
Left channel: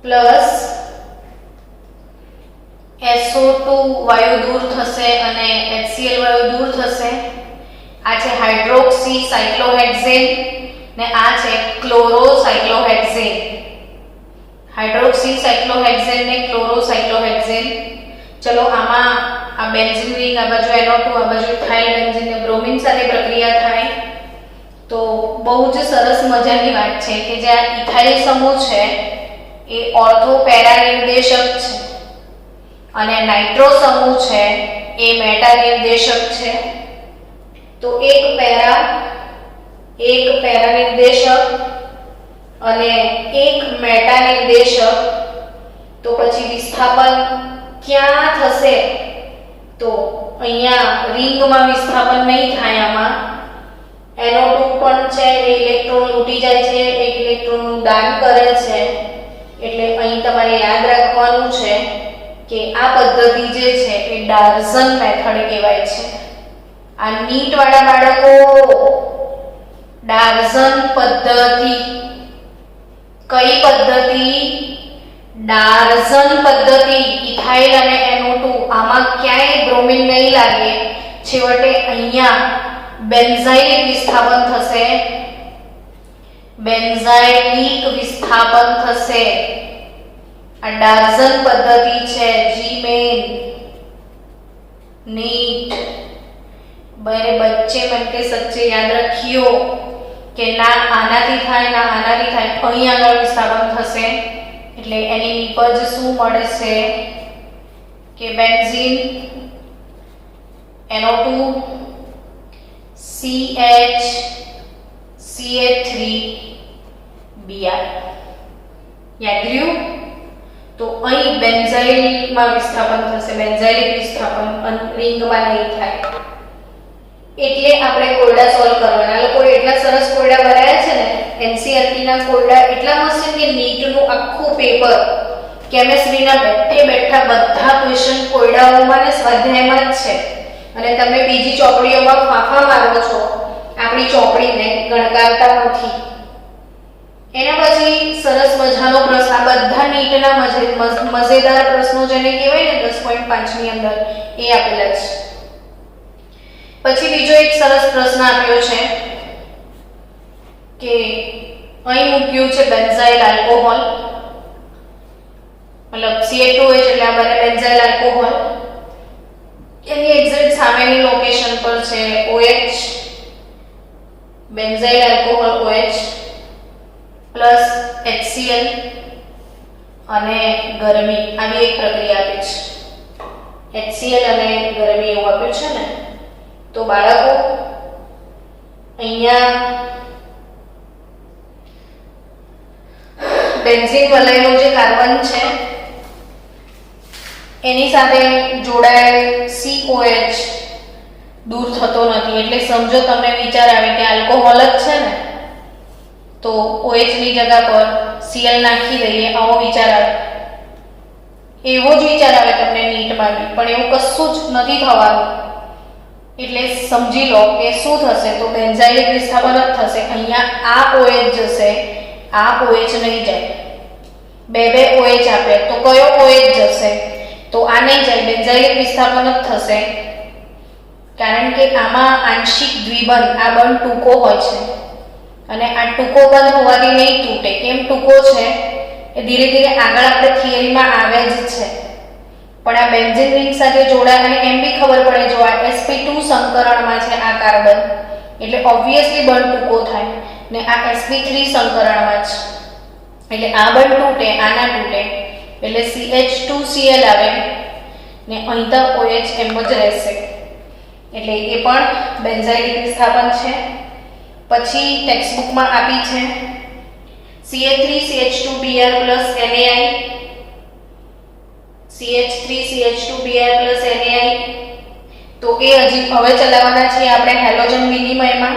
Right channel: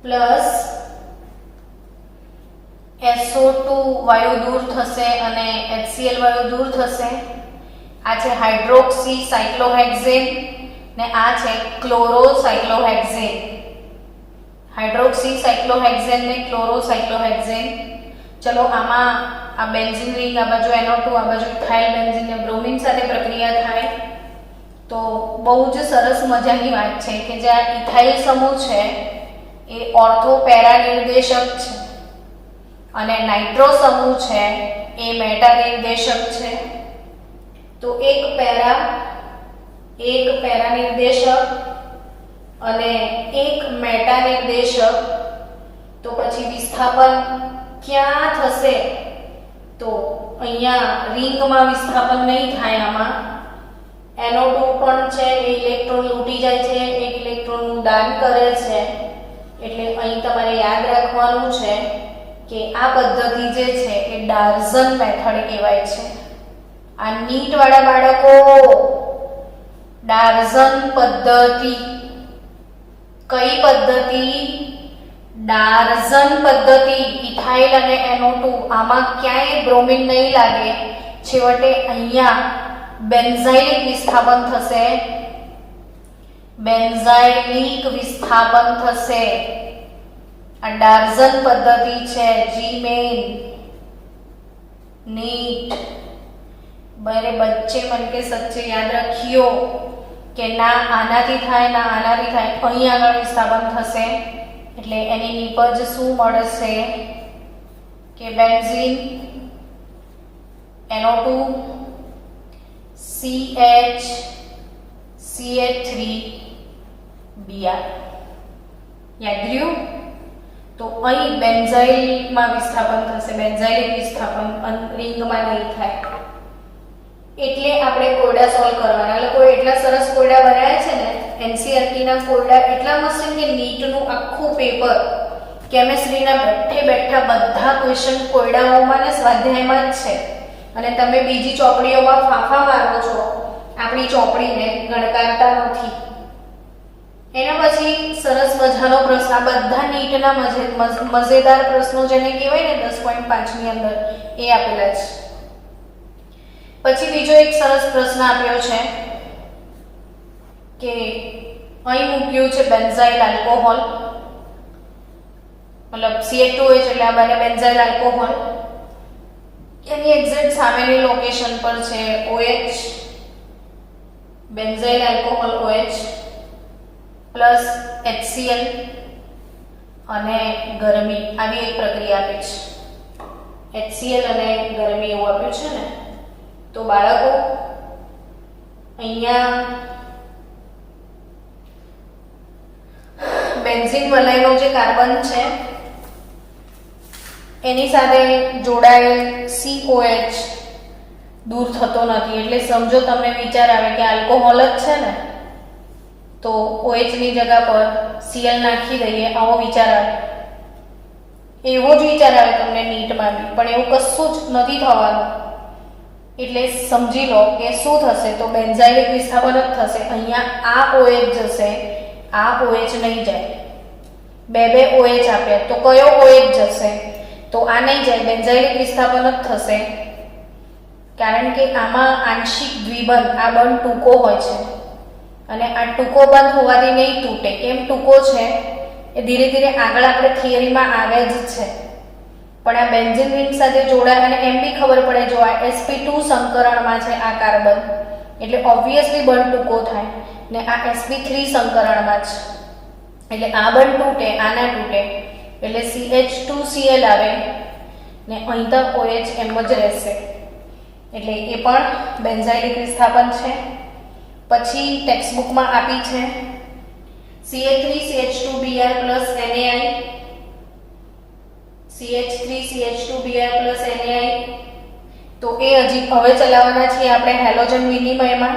પ્લસ SO2 વાયુ દૂર થશે અને HCl વાયુ દૂર થશે. આ છે હાઇડ્રોક્સી સાયક્લોહેક્ઝેન ને આ છે ક્લોરોસાયક્લોહેક્ઝેન. હાઇડ્રોક્સી સાયક્લોહેક્ઝેન ને ક્લોરોસાયક્લોહેક્ઝેન. ચલો આમાં આ બેન્ઝીન રિંગ આ બાજુ NO2 આ બાજુ ઇથાઇલ બેન્ઝીન ને બ્રોમિન સાથે પ્રક્રિયા થાય. તો બહુ જ સરસ મજાની વાત છે કે જે આ ઇથાઇલ સમૂહ છે એ ઓર્થો પેરા નિર્દેશક છે અને નાઇટ્રો સમૂહ છે એ મેટા નિર્દેશક છે. તો એક પેરા નિર્દેશક અને એક મેટા નિર્દેશક. તો પછી વિસ્થાપન ક્યાં થશે? તો અહીંયા રિંગમાં વિસ્થાપન નહીં થાય. આમાં NO2 પણ છે એ ઇલેક્ટ્રોન લૂંટી જાય છે, એક ઇલેક્ટ્રોનનું દાન કરે છે. એટલે અહીં તમારે યાદ રાખવાનું છે કે આ પદ્ધતિ જે છે એ ડાર્ઝન મેથડ કહેવાય છે. આ નીટ વાળા બાળકો ડાર્ઝન પદ્ધતિ. કઈ પદ્ધતિ? ડાર્ઝન પદ્ધતિ. ઇથાઇલ અને NO2 આમાં ક્યાંય બ્રોમિન નહીં લાગે. છેવટે અહીંયા બેન્ઝાઇલિક વિસ્થાપન થશે. બેન્ઝાઇલિક વિસ્થાપન થશે. આ ડાર્ઝન પદ્ધતિ છે. જીમેન नीट बने बच्चे मन के सच्चे याद रखियो કે ના આનાથી થાય ના આનાથી થાય, અહીં આગળ વિસ્થાપન થશે એટલે એની નિપજ શું મળશે કે benzene NO2 CH CH3 Br. યાદ રહ્યું? તો અહીં બેન્ઝાઇલમાં વિસ્થાપન થશે, બેન્ઝાઇલિક વિસ્થાપન રિંગમાં નહીં થાય. એટલે આપણે કોયડા સોલ્વ કરવાના. લોકો એટલા સરસ કોયડા બનાવ્યા છે ને, એનસીઈઆરટી ના કોયડા એટલા મસ્ત છે કે નીટનું આખું પેપર કેમેસ્ટ્રીના બેઠે બેઠા બધા ક્વેશ્ચન કોયડાઓમાં ને સ્વાધ્યાયમાં જ છે. અને તમે બીજી ચોપડીઓમાં ફાંફા મારો છો, આપણી ચોપડીને ગણકારતા નથી. એના પછી સરસ મજાનો પ્રશ્ન, આ બધા નીટના મજેદાર પ્રશ્નો જેને કહેવાય ને 10.5 ની અંદર એ આપેલા છે. પછી બીજો એક સરસ પ્રશ્ન આપ્યો છે કે અહીં મૂક્યું છે બેન્ઝાઇલ આલ્કોહોલ, મતલબ CH2H એટલે આ બને બેન્ઝાઇલ આલ્કોહોલ. એની એક્ઝેક્ટ સામેની લોકેશન પર છે OH, benzyl alcohol OH plus HCl અને ગરમી. આવી એક પ્રક્રિયા આપી છે. HCl અને ગરમી એવું આપ્યું છે ને. તો બાળકો અહીંયા બેન્ઝીન વલયનો જે કાર્બન છે એની સાથે જોડાયેલ COH દૂર થતો નથી. એટલે સમજો તમને વિચાર આવે કે આલ્કોહોલ જ છે ને, તો OH ની જગ્યા પર Cl નાખી દઈએ, આવો વિચાર આવે. એવો જ વિચાર આવે તમને નીટમાં, પણ એવું કશું જ નથી થવાનું. એટલે સમજી લો કે શું થશે, તો બેન્ઝાઇલિક વિસ્થાપન જ થશે. અહીંયા આ OH જશે, આ OH નહીં જાય. બે OH આપે તો કયો OH જશે? તો આ નહીં જાય, બેન્ઝાઇલિક વિસ્થાપન જ થશે. કારણ કે આમાં આંશિક દ્વિબંધ, આ બંધ ટૂંકો હોય છે અને આ ટૂંકો બંધ હોવાથી નહીં તૂટે. કેમ ટૂંકો છે એ ધીરે ધીરે આગળ આપણે થિયરીમાં આવે જ છે. પણ આ બેન્ઝીન રિંગ સાથે જોડાય અને એમ બી ખબર પડે, જો આ sp2 સંકરણમાં છે આ કાર્બન, એટલે ઓબ્વિયસલી બંધ ટૂંકો થાય, ને આ sp3 સંકરણમાં છે એટલે આ બંધ તૂટે, આ ના તૂટે, એટલે CH2Cl આવે ને અહીં તો OH એમ જ રહેશે. એટલે એ પણ બેન્ઝાઇલિક વિસ્થાપન છે. પછી ટેક્સ્ટબુકમાં આપી છે CH3CH2Br NaI, CH3CH2Br NaI. તો એ હજી હવે ચલાવવાના છીએ આપણે હેલોજન વિનિમયમાં.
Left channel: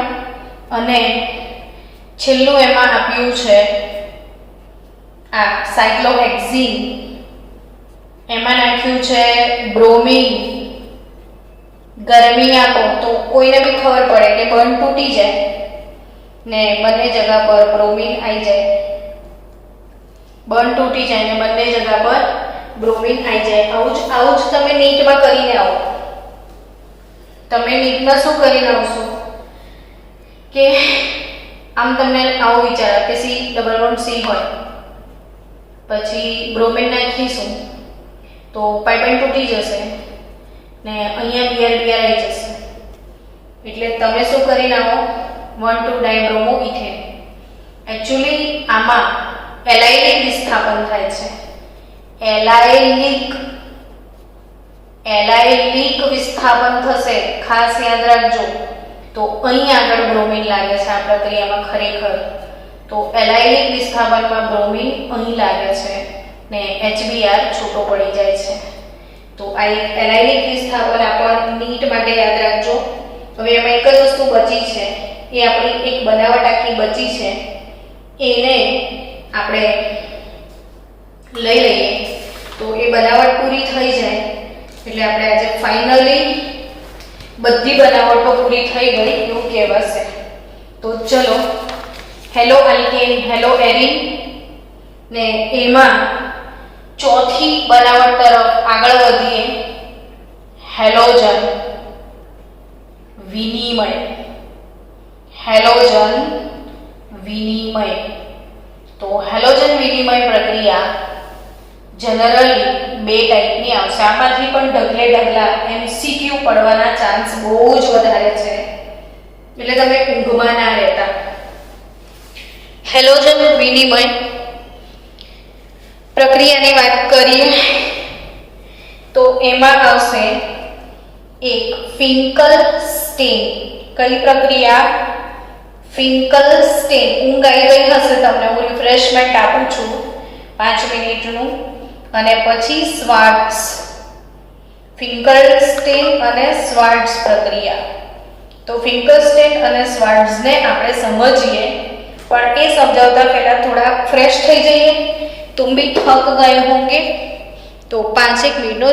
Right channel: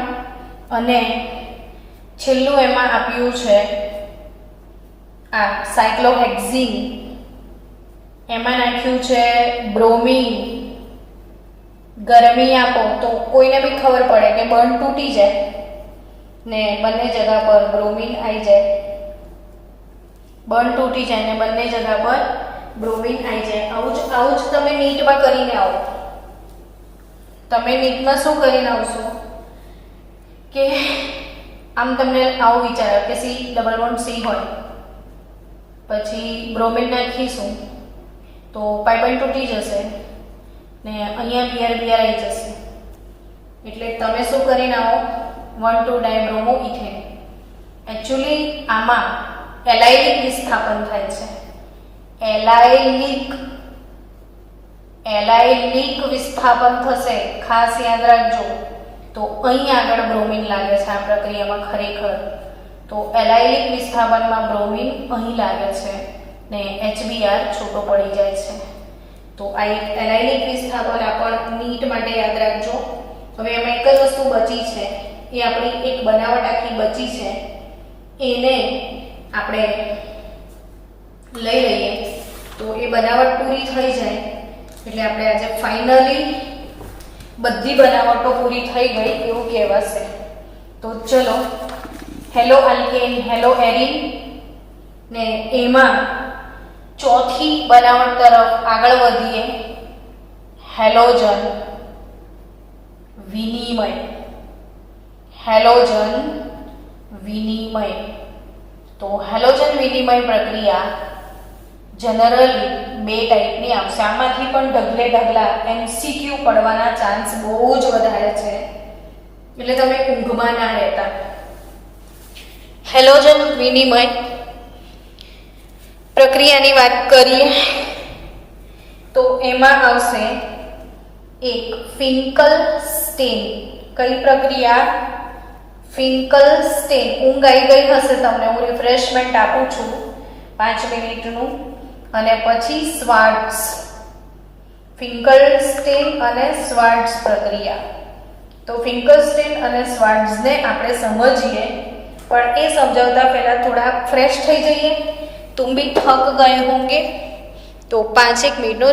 અને છેલ્લું એમાં આપ્યું છે આ સાયક્લોહેક્ઝીન, એમાં નાખ્યું છે બ્રોમિન. ગરમી આપો તો કોઈને બી ખબર પડે કે બંધ તૂટી જાય ને બંને જગ્યા પર બ્રોમિન આવી જાય, બંધ તૂટી જાય ને બંને જગ્યા પર બ્રોમિન આવી જાય. આવું જ તમે નીટમાં કરીને આવો. તમે નીટમાં શું કરીને આવશો કે આમ તમને આવો વિચાર કે C હોય, પછી બ્રોમિન નાખીશું તો પાઇપલાઇન તૂટી જશે ને અહીંયા Br આવી જશે. એટલે તમે શું કરીને આવો, 1,2-ડાયબ્રોમોઇથેન. એકચ્યુઅલી આમાં એલાયલિક વિસ્થાપન થાય છે. એલાયલિક વિસ્થાપન થશે, ખાસ યાદ રાખજો. તો અહીં આગળ બ્રોમિન લાગે છે આ પ્રક્રિયામાં ખરેખર. તો એલાયલિક વિસ્થાપનમાં બ્રોમિન અહીં લાગે છે ને HBr છૂટો પડી જાય છે. તો આ એક એલાયલિક વિસ્થાપન આપણ નીટ માટે યાદ રાખજો. હવે એમાં એક જ વસ્તુ બચી છે, એ આપણી એક બનાવટ આખી બચી છે, એને આપણે લઈ લઈએ. તો એ બનાવટ પૂરી થઈ જાય એટલે આપણે આજે ફાઇનલી બધી બનાવટો પૂરી થઈ ગઈ એવું કહેવાશે. તો ચલો, હેલો આલ્કેન, હેલો એરિન, ને એમાં ચોથી બનાવટ તરફ આગળ વધીએ, હેલોજન વિનિમય. હેલોજન વિનિમય. તો હેલોજન વિનિમય પ્રક્રિયા જનરલી બે ટાઈપની આવશે. આમાંથી પણ ઢગલા MCQ પડવાના ચાન્સ બહુ જ વધારે છે, એટલે તમે ઊંઘમાં ના રહેતા. હેલોજન વિનિમય પ્રક્રિયાની વાત કરીએ તો એમાં આવશે એક ફિંકલસ્ટેન. કઈ પ્રક્રિયા? ફિંકલસ્ટેન. ઊંઘ આવી ગઈ હશે તમને, હું રિફ્રેશમેન્ટ આપું છું 5 મિનિટનું. અને પછી સ્વાર્ટ્સ. ફિંકલસ્ટેન અને સ્વાર્ટ્સ પ્રક્રિયા. તો ફિંકલસ્ટેન અને સ્વાર્ટ્સને આપણે સમજીએ, પણ એ સમજાવતા પહેલા થોડા ફ્રેશ થઈ જઈએ. तुम भी थक गए होंगे तो 5 मिनटનો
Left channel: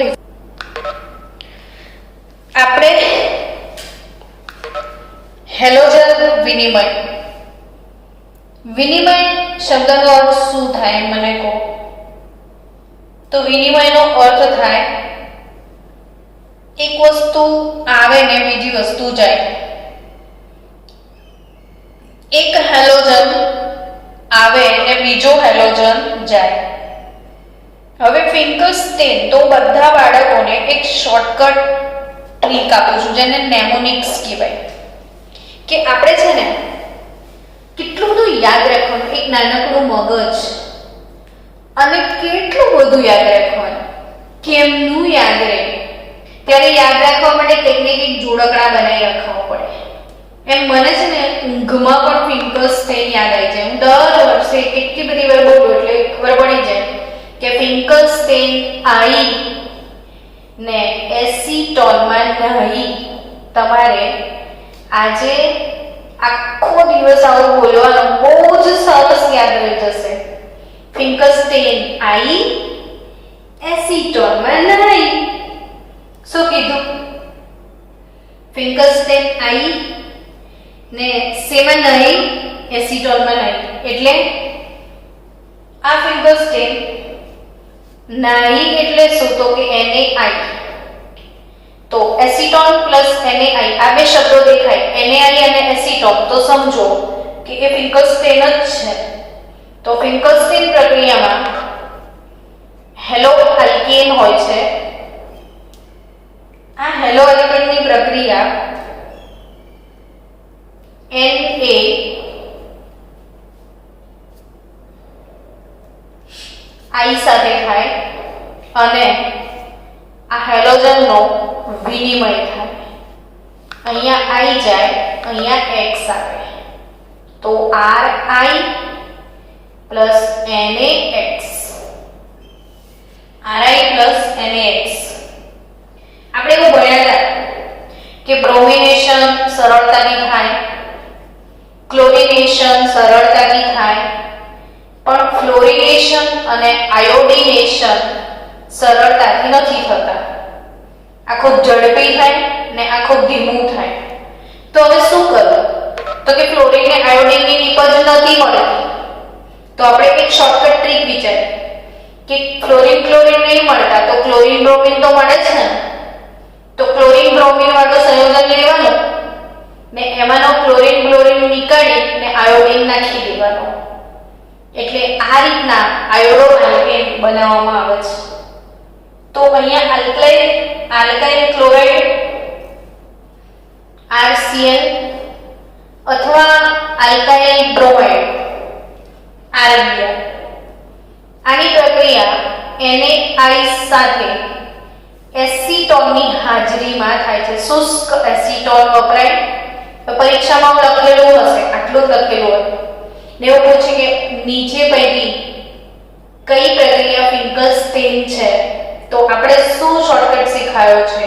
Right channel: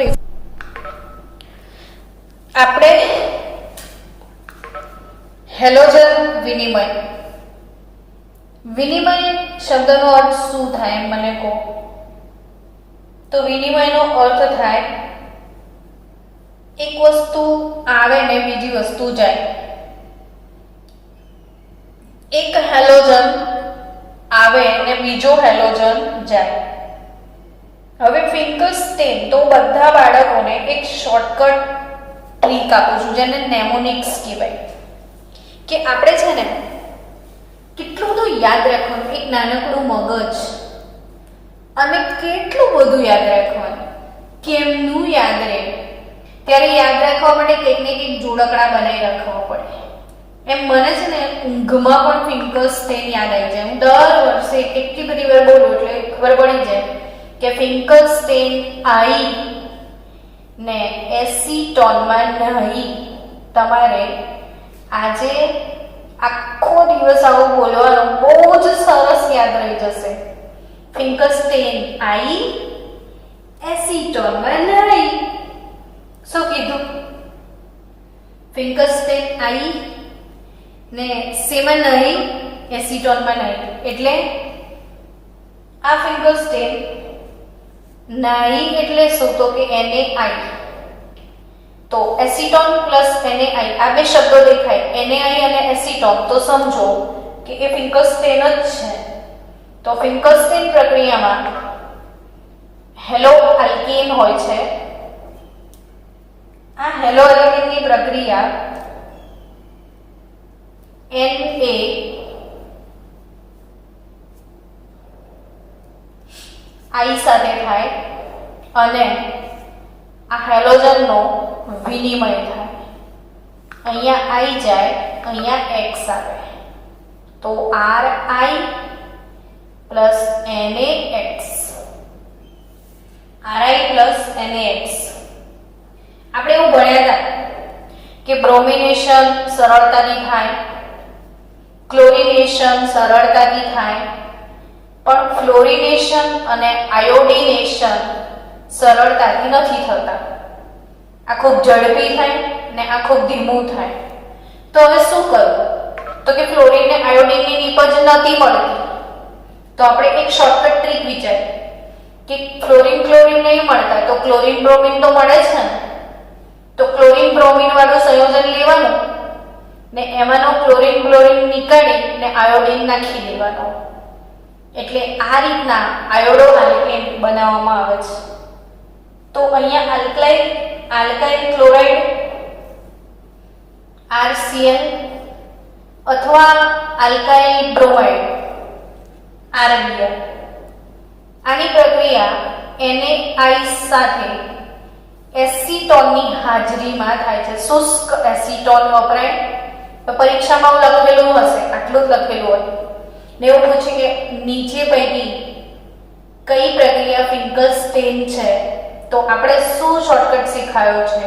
આપણે હેલોજન વિનિમય. વિનિમય શબ્દનો અર્થ શું થાય મને કહો? તો વિનિમયનો અર્થ થાય એક વસ્તુ આવે ને બીજી વસ્તુ જાય. એક હેલોજન આવે ને બીજો હેલોજન જાય. હવે ફિંકલસ્ટેન તો બધા બાળકોને એક શોર્ટકટ ટ્રીક આપું છું જેને નેમોનિક્સ કહેવાય. કે આપણે છે ને કેટલું બધું યાદ રાખવાનું, એક નાનકડું મગજ અને કેટલું બધું યાદ રાખવાનું, કેમનું યાદ રહે. ત્યારે યાદ રાખવા માટે કંઈક ને કંઈક જોડકડા બનાવી રાખવા પડે. એમ મને છે ને ઊંઘમાં પણ ફિંકલ્સ્ટેન યાદ આવી જાય. હું દર વર્ષે કેટલી બધી વાર બોલું એટલે ખબર પડી જાય કે ફિંકલ્સ્ટેન આઈ ને એસીટોનમાં નહીં. તમારે આજે આખો દિવસ આવું બોલવાનું, બહુ જ સરસ યાદ રહી જશે. ફિંકલ્સ્ટેન આઈ, એસીટોનમાં નહીં. શું કીધું? ફિંકલ્સ્ટેન આઈ ને સેમાં નહીં, એસીટોનમાં નહીં. એટલે આ ફિંકલ્સ્ટેન નહીં એટલે શું? તો કે NaI. તો એસીટોન પ્લસ NaI આ બે શબ્દો દેખાય, NaI અને એસીટોન, તો સમજો કે એ ફિંકલ્સ્ટેન જ છે. તો ફિંકલ્સ્ટેન પ્રક્રિયામાં હેલો આલ્કેન હોય છે. આ હેલો આલ્કેનની પ્રક્રિયા NaI સાથે થાય અને આ હેલોજનનો વિનિમય થાય. અહીંયા I જાય, અહીંયા X આવે. તો RI plus NaX, RI plus NaX. આપણે એવું ભણ્યા હતા કે બ્રોમિનેશન સરળતાથી થાય, ક્લોરિનેશન સરળતાથી થાય, પણ ફ્લોરિનેશન અને આયોડિનેશન સરળતાથી નથી થતા. આ ખૂબ ઝડપી થાય ને આ ખૂબ ધીમું થાય. તો હવે શું કરવું? તો કે ફ્લોરિન ને આયોડિનની નિપજ નથી મળતી. તો આપણે એક શોર્ટકટ ટ્રીક વિચારી કે ક્લોરિન નહીં મળતા તો ક્લોરિન બ્રોમિન તો મળે છે ને. તો ક્લોરિન બ્રોમિન વાળું સંયોજન લેવાનું ને એમાંનો ક્લોરિન નીકાળી ને આયોડિન નાખી દેવાનો. એટલે આ રીતના આયોડો આલ્કેન બનાવવામાં આવે છે. તો અહીંયા આલ્કાઇલ ક્લોરાઇડ RCl અથવા આલ્કાઇલ બ્રોમાઇડ RBr. આની પ્રક્રિયા NaI સાથે એસીટોનની હાજરીમાં થાય છે. શુષ્ક એસીટોન વપરાય. પરીક્ષામાં લખેલું હશે, આટલું જ લખેલું હોય ને એવું પૂછે કે નીચે પૈકી કઈ પ્રક્રિયા ફિંકલ્સ્ટેન છે. તો આપણે શું શોર્ટકટ શીખાયો છે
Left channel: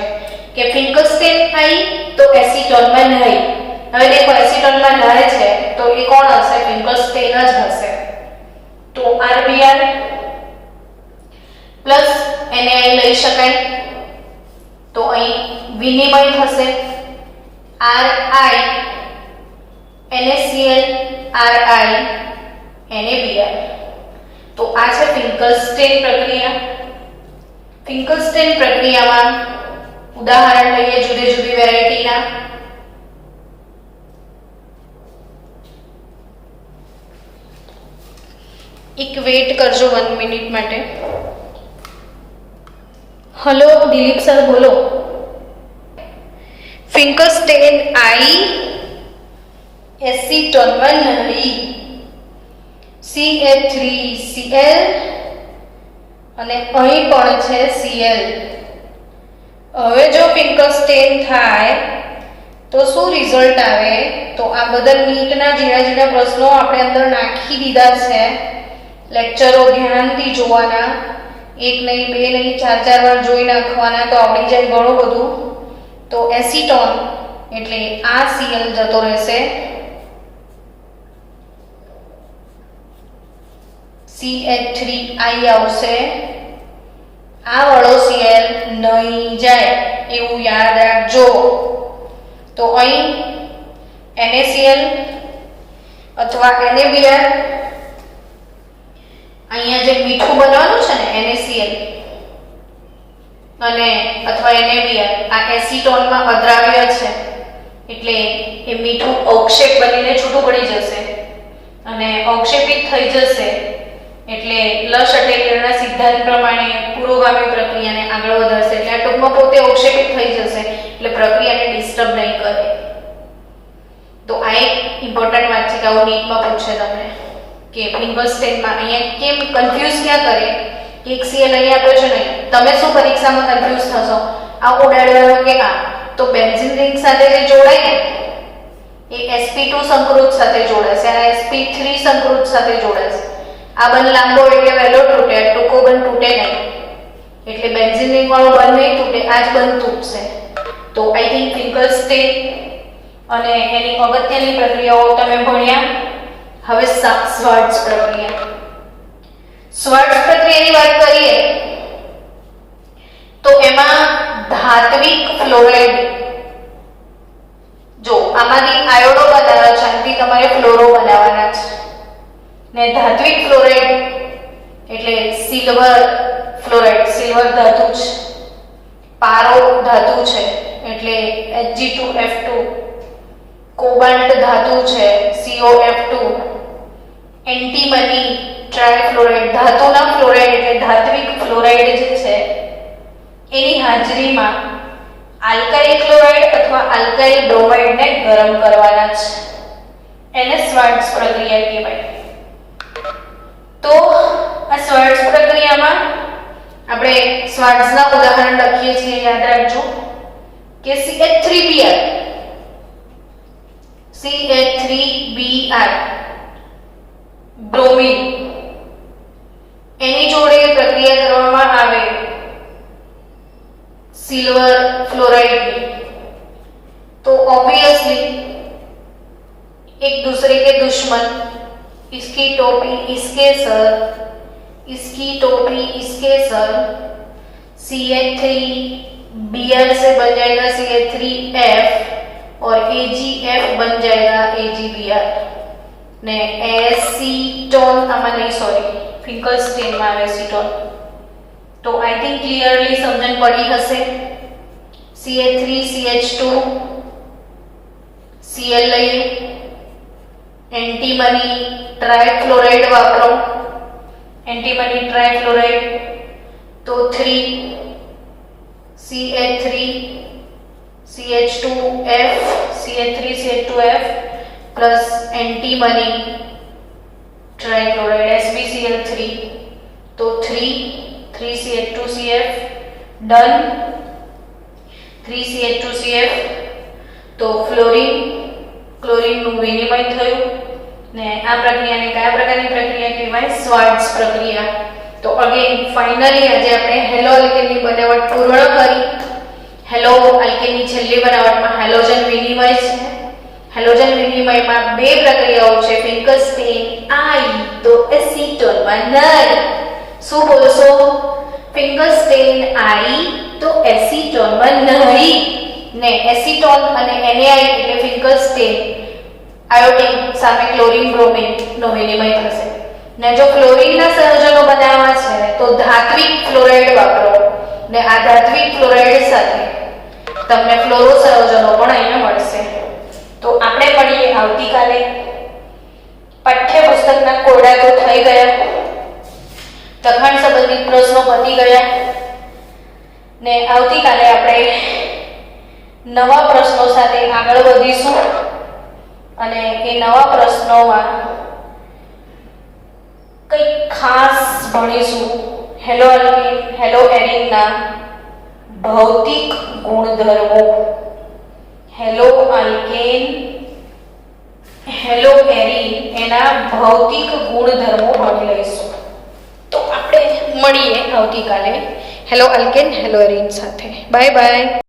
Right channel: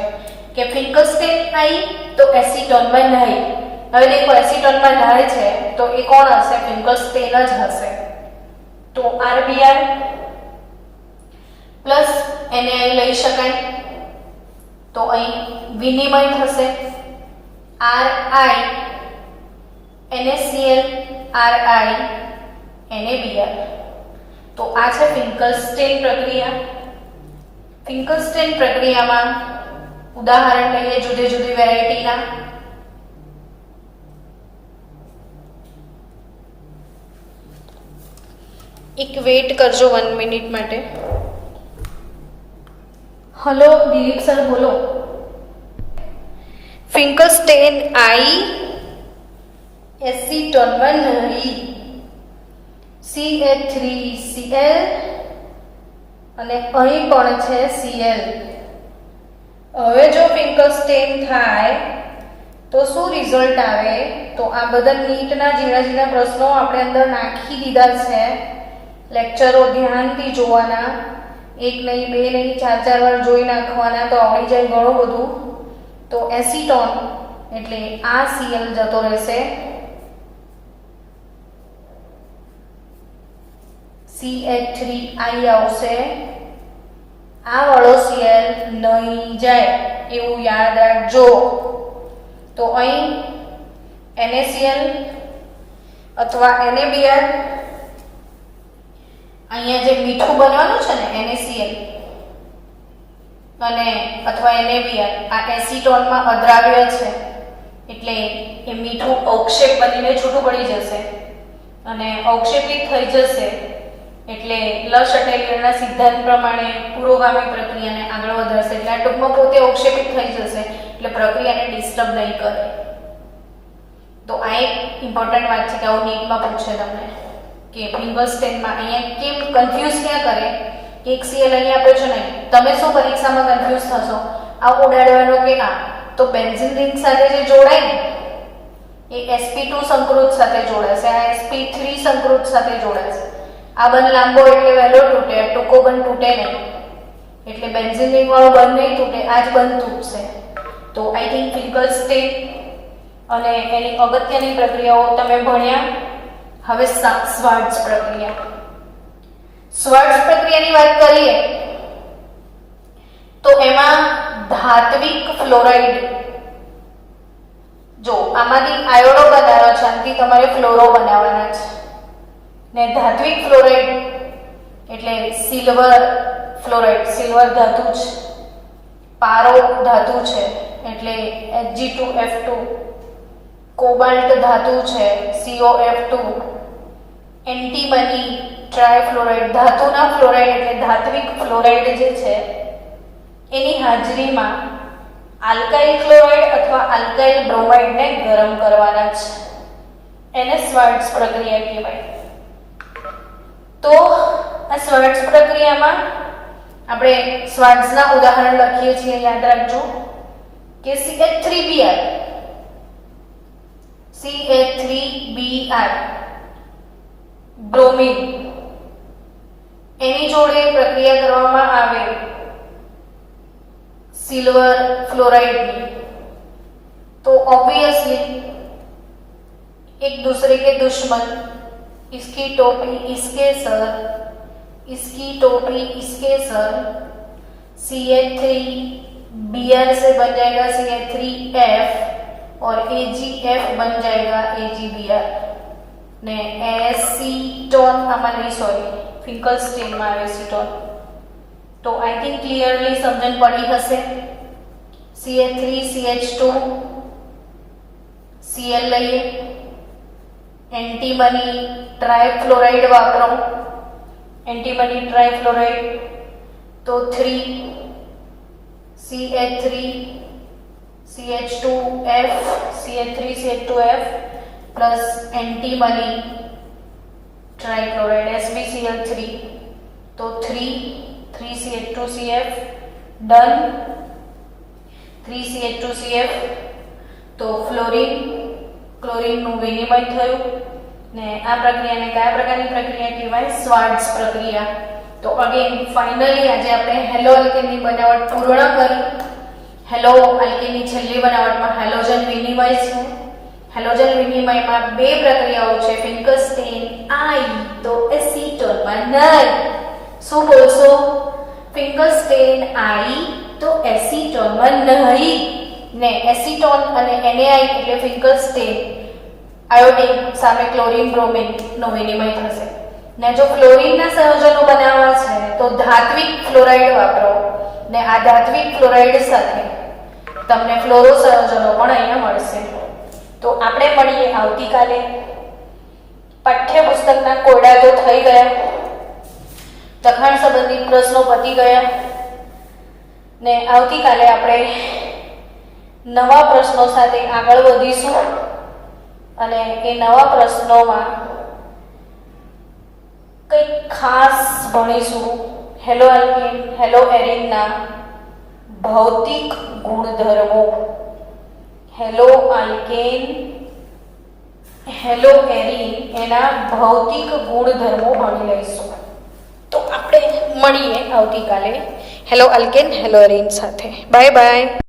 કે ફિંકલ્સ્ટેન આઈ તો એસીટોનમાં નહીં. હવે દેખો એસીટોનમાં નહીં છે તો એ કોણ હશે? ફિંકલ્સ્ટેન જ હશે. તો RBr પ્લસ NaI લઈ શકાય. તો અહીં વિનિમય થશે RI NaCl RI NaBr. તો આ છે ફિંકલ્સ્ટેન પ્રક્રિયા. ફિંકલ્સ્ટેન પ્રક્રિયામાં ઉદાહરણ લઈએ જુદી જુદી વેરાયટીના. એક વેટ કરજો 1 મિનિટ માટે. હલો દિલીપ સર, બોલો. ફિંકલ્સ્ટેન આઈ એસીટોનમાં નહીં, CH3Cl અને અહીં પણ છે Cl. હવે જો ફિંકલ્સ્ટેન થાય તો શું રિઝલ્ટ આવે? તો આ બધા નીટના ઝીણા પ્રશ્નો આપણે અંદર નાખી દીધા છે. લેક્ચરો ધ્યાનથી જોવાના, એક નહીં બે નહીં 4 વાર જોઈ નાખવાના તો આવડી જાય ઘણું બધું. તો એસીટોન એટલે આ Cl જતો રહેશે, CH3I આવશે, આ વાળો Cl નહીં જાય એવું યાદ રાખજો. તો અહીં NaCl અથવા NaBr, અહીંયા જે મીઠું બનવાનું છે ને NaCl અને અથવા NaBr, આ એસીટોનમાં અદ્રાવ્ય છે એટલે એ મીઠું અવક્ષેપ બનીને છૂટું પડી જશે અને અવક્ષેપિત થઈ જશે. એટલે લશટેલિયરના સિદ્ધાંત પ્રમાણે પુરોગામી પ્રક્રિયાને આગળ વધારશે. એટલે આ ટૂંકમાં પોતે અવક્ષેપિત થઈ જશે એટલે પ્રક્રિયાને ડિસ્ટર્બ નહીં કરે. તો આ એક ઇમ્પોર્ટન્ટ વાત છે કે આવું નીટમાં પૂછે તમને કે ફિંકલ્સ્ટેનમાં અહીંયા કેમ કન્ફ્યુઝ ક્યાં કરે. એક Cl અહીં આપ્યો છે ને, તમે શું પરીક્ષામાં કન્ફ્યુઝ થશો? આ ઉડાડવાનો કે આ તો બેન્ઝીન રિંગ સાથે જે જોડાય ને એ sp2 સંકૃત સાથે જોડાશે, આ sp3 સંકૃત સાથે જોડાશે. આ બંધ લાંબો એટલે વહેલો તૂટે, ટૂંકો બંધ તૂટે નહીં, એટલે બેન્ઝીન રિંગ વાળો બંધ નહીં તૂટે, આ જ બંધ તૂટશે. તો આઈ થિંક ફિંકલસ્ટીન અને એની અગત્યની પ્રક્રિયાઓ તમે ભણ્યા. હવે શ્વાર્ટ્ઝ પ્રક્રિયા. શ્વાર્ટ્ઝ પ્રક્રિયાની વાત કરીએ તો એમાં ધાત્વિક ફ્લોરાઇડ, જો આમાંથી આયોડો બનાવવાના છે, આનાથી તમારે ફ્લોરો બનાવવાના છે. ને ધાત્વિક ફ્લોરાઇડ એટલે સિલ્વર ફ્લોરાઇડ, સિલ્વર ધાતુ છે. પારો ધાતુ છે એટલે Hg2F2. કોબાલ્ટ ધાતુ છે, COF2. એન્ટીમની ટ્રાયફ્લોરાઇડ, ધાતુના ફ્લોરાઇડ એટલે ધાત્વિક ફ્લોરાઇડ જે છે એની હાજરીમાં આલ્કાઇલ ક્લોરાઇડ અથવા આલ્કાઇલ બ્રોમાઇડને ગરમ કરવાના છે. એને શ્વાર્ટ્ઝ પ્રક્રિયા કહેવાય. તો આ શ્વાર્ટ્ઝ પ્રક્રિયામાં આપણે શ્વાર્ટ્ઝના ઉદાહરણ લખીએ છીએ, યાદ રાખજો કે CH3Br, CH3Br બ્રોમિન, એની જોડે પ્રક્રિયા કરવામાં આવે સિલ્વર ફ્લોરાइड, तो ऑब्वियसली एक दूसरे के दुश्मन, इसकी टोपी इसके सर, इसकी टोपी इसके सर, CH3Br से बन जाएगा CH3F और AgF बन जाएगा AgBr ने एसीटोन आमा नहीं सॉरी फिंकलस्टीन में एसीटोन. तो आई थिंक क्लियरली समझन पड़ी हसे. CH3 CH2 Cl લઈએ, એન્ટીમની ટ્રાયફ્લોરાઇડ વાપરો, એન્ટીમની ટ્રાયફ્લોરાઇડ તો 3 CH3 CH2F CH3 CH2F plus antimony trichloride SbCl3 तो 3 CH2CF डन. 3 CH2CF तो फ्लोरीन क्लोरीन નું વિનિમય થયું ને આ પ્રક્રિયાને કયા પ્રકારની પ્રક્રિયા કહેવાય? શ્વાર્ટ્ઝ પ્રક્રિયા. તો અગેન ફાઇનલી આજે આપણે હેલો આલ્કેનની બનાવટ પૂર્ણ કરી. હેલો આલ્કેનની છેલ્લી બનાવટમાં હેલોજન વિનિમય છે. હેલોજન વિનિમયમાં બે પ્રક્રિયાઓ છે, ફિંકલસ્ટીન આઈ તો એસીટોનમાં નહીં. શું બોલશો? ફિંકલસ્ટીન આઈ તો એસીટોનમાં નહીં ને એસીટોન અને NaI એટલે ફિંકલસ્ટીન આયોડિન સામે ક્લોરીન બ્રોમિન નો વિનિમય થશે. ને જો ક્લોરીનના સંયોજનો બનાવવા છે તો ધાત્વિક ફ્લોરાઇડ વાપરો ને આ ધાત્વિક ફ્લોરાઇડ સાથે તમને ફ્લોરો સંયોજનો પણ અહીંયા મળશે. તો આપણે મળીએ આવતીકાલે. પાઠ્યપુસ્તકના કોયડા તો થઈ ગયા, લખાણ સંબંધિત પ્રશ્નો પતી ગયા ને આવતીકાલે આપણે નવા પ્રશ્નો સાથે આગળ વધીશું અને એ નવા પ્રશ્નોમાં કંઈક ખાસ ભણીશું. હેલો આલ્કેન હેલો એરિનના ભૌતિક ગુણધર્મો. હેલો આલ્કેન હેલો એરિન એના ભૌતિક ગુણધર્મો ભણી લઈશું. તો આપણે મળીએ આવતીકાલે હેલો આલ્કેન હેલો એરિન સાથે. Bye bye.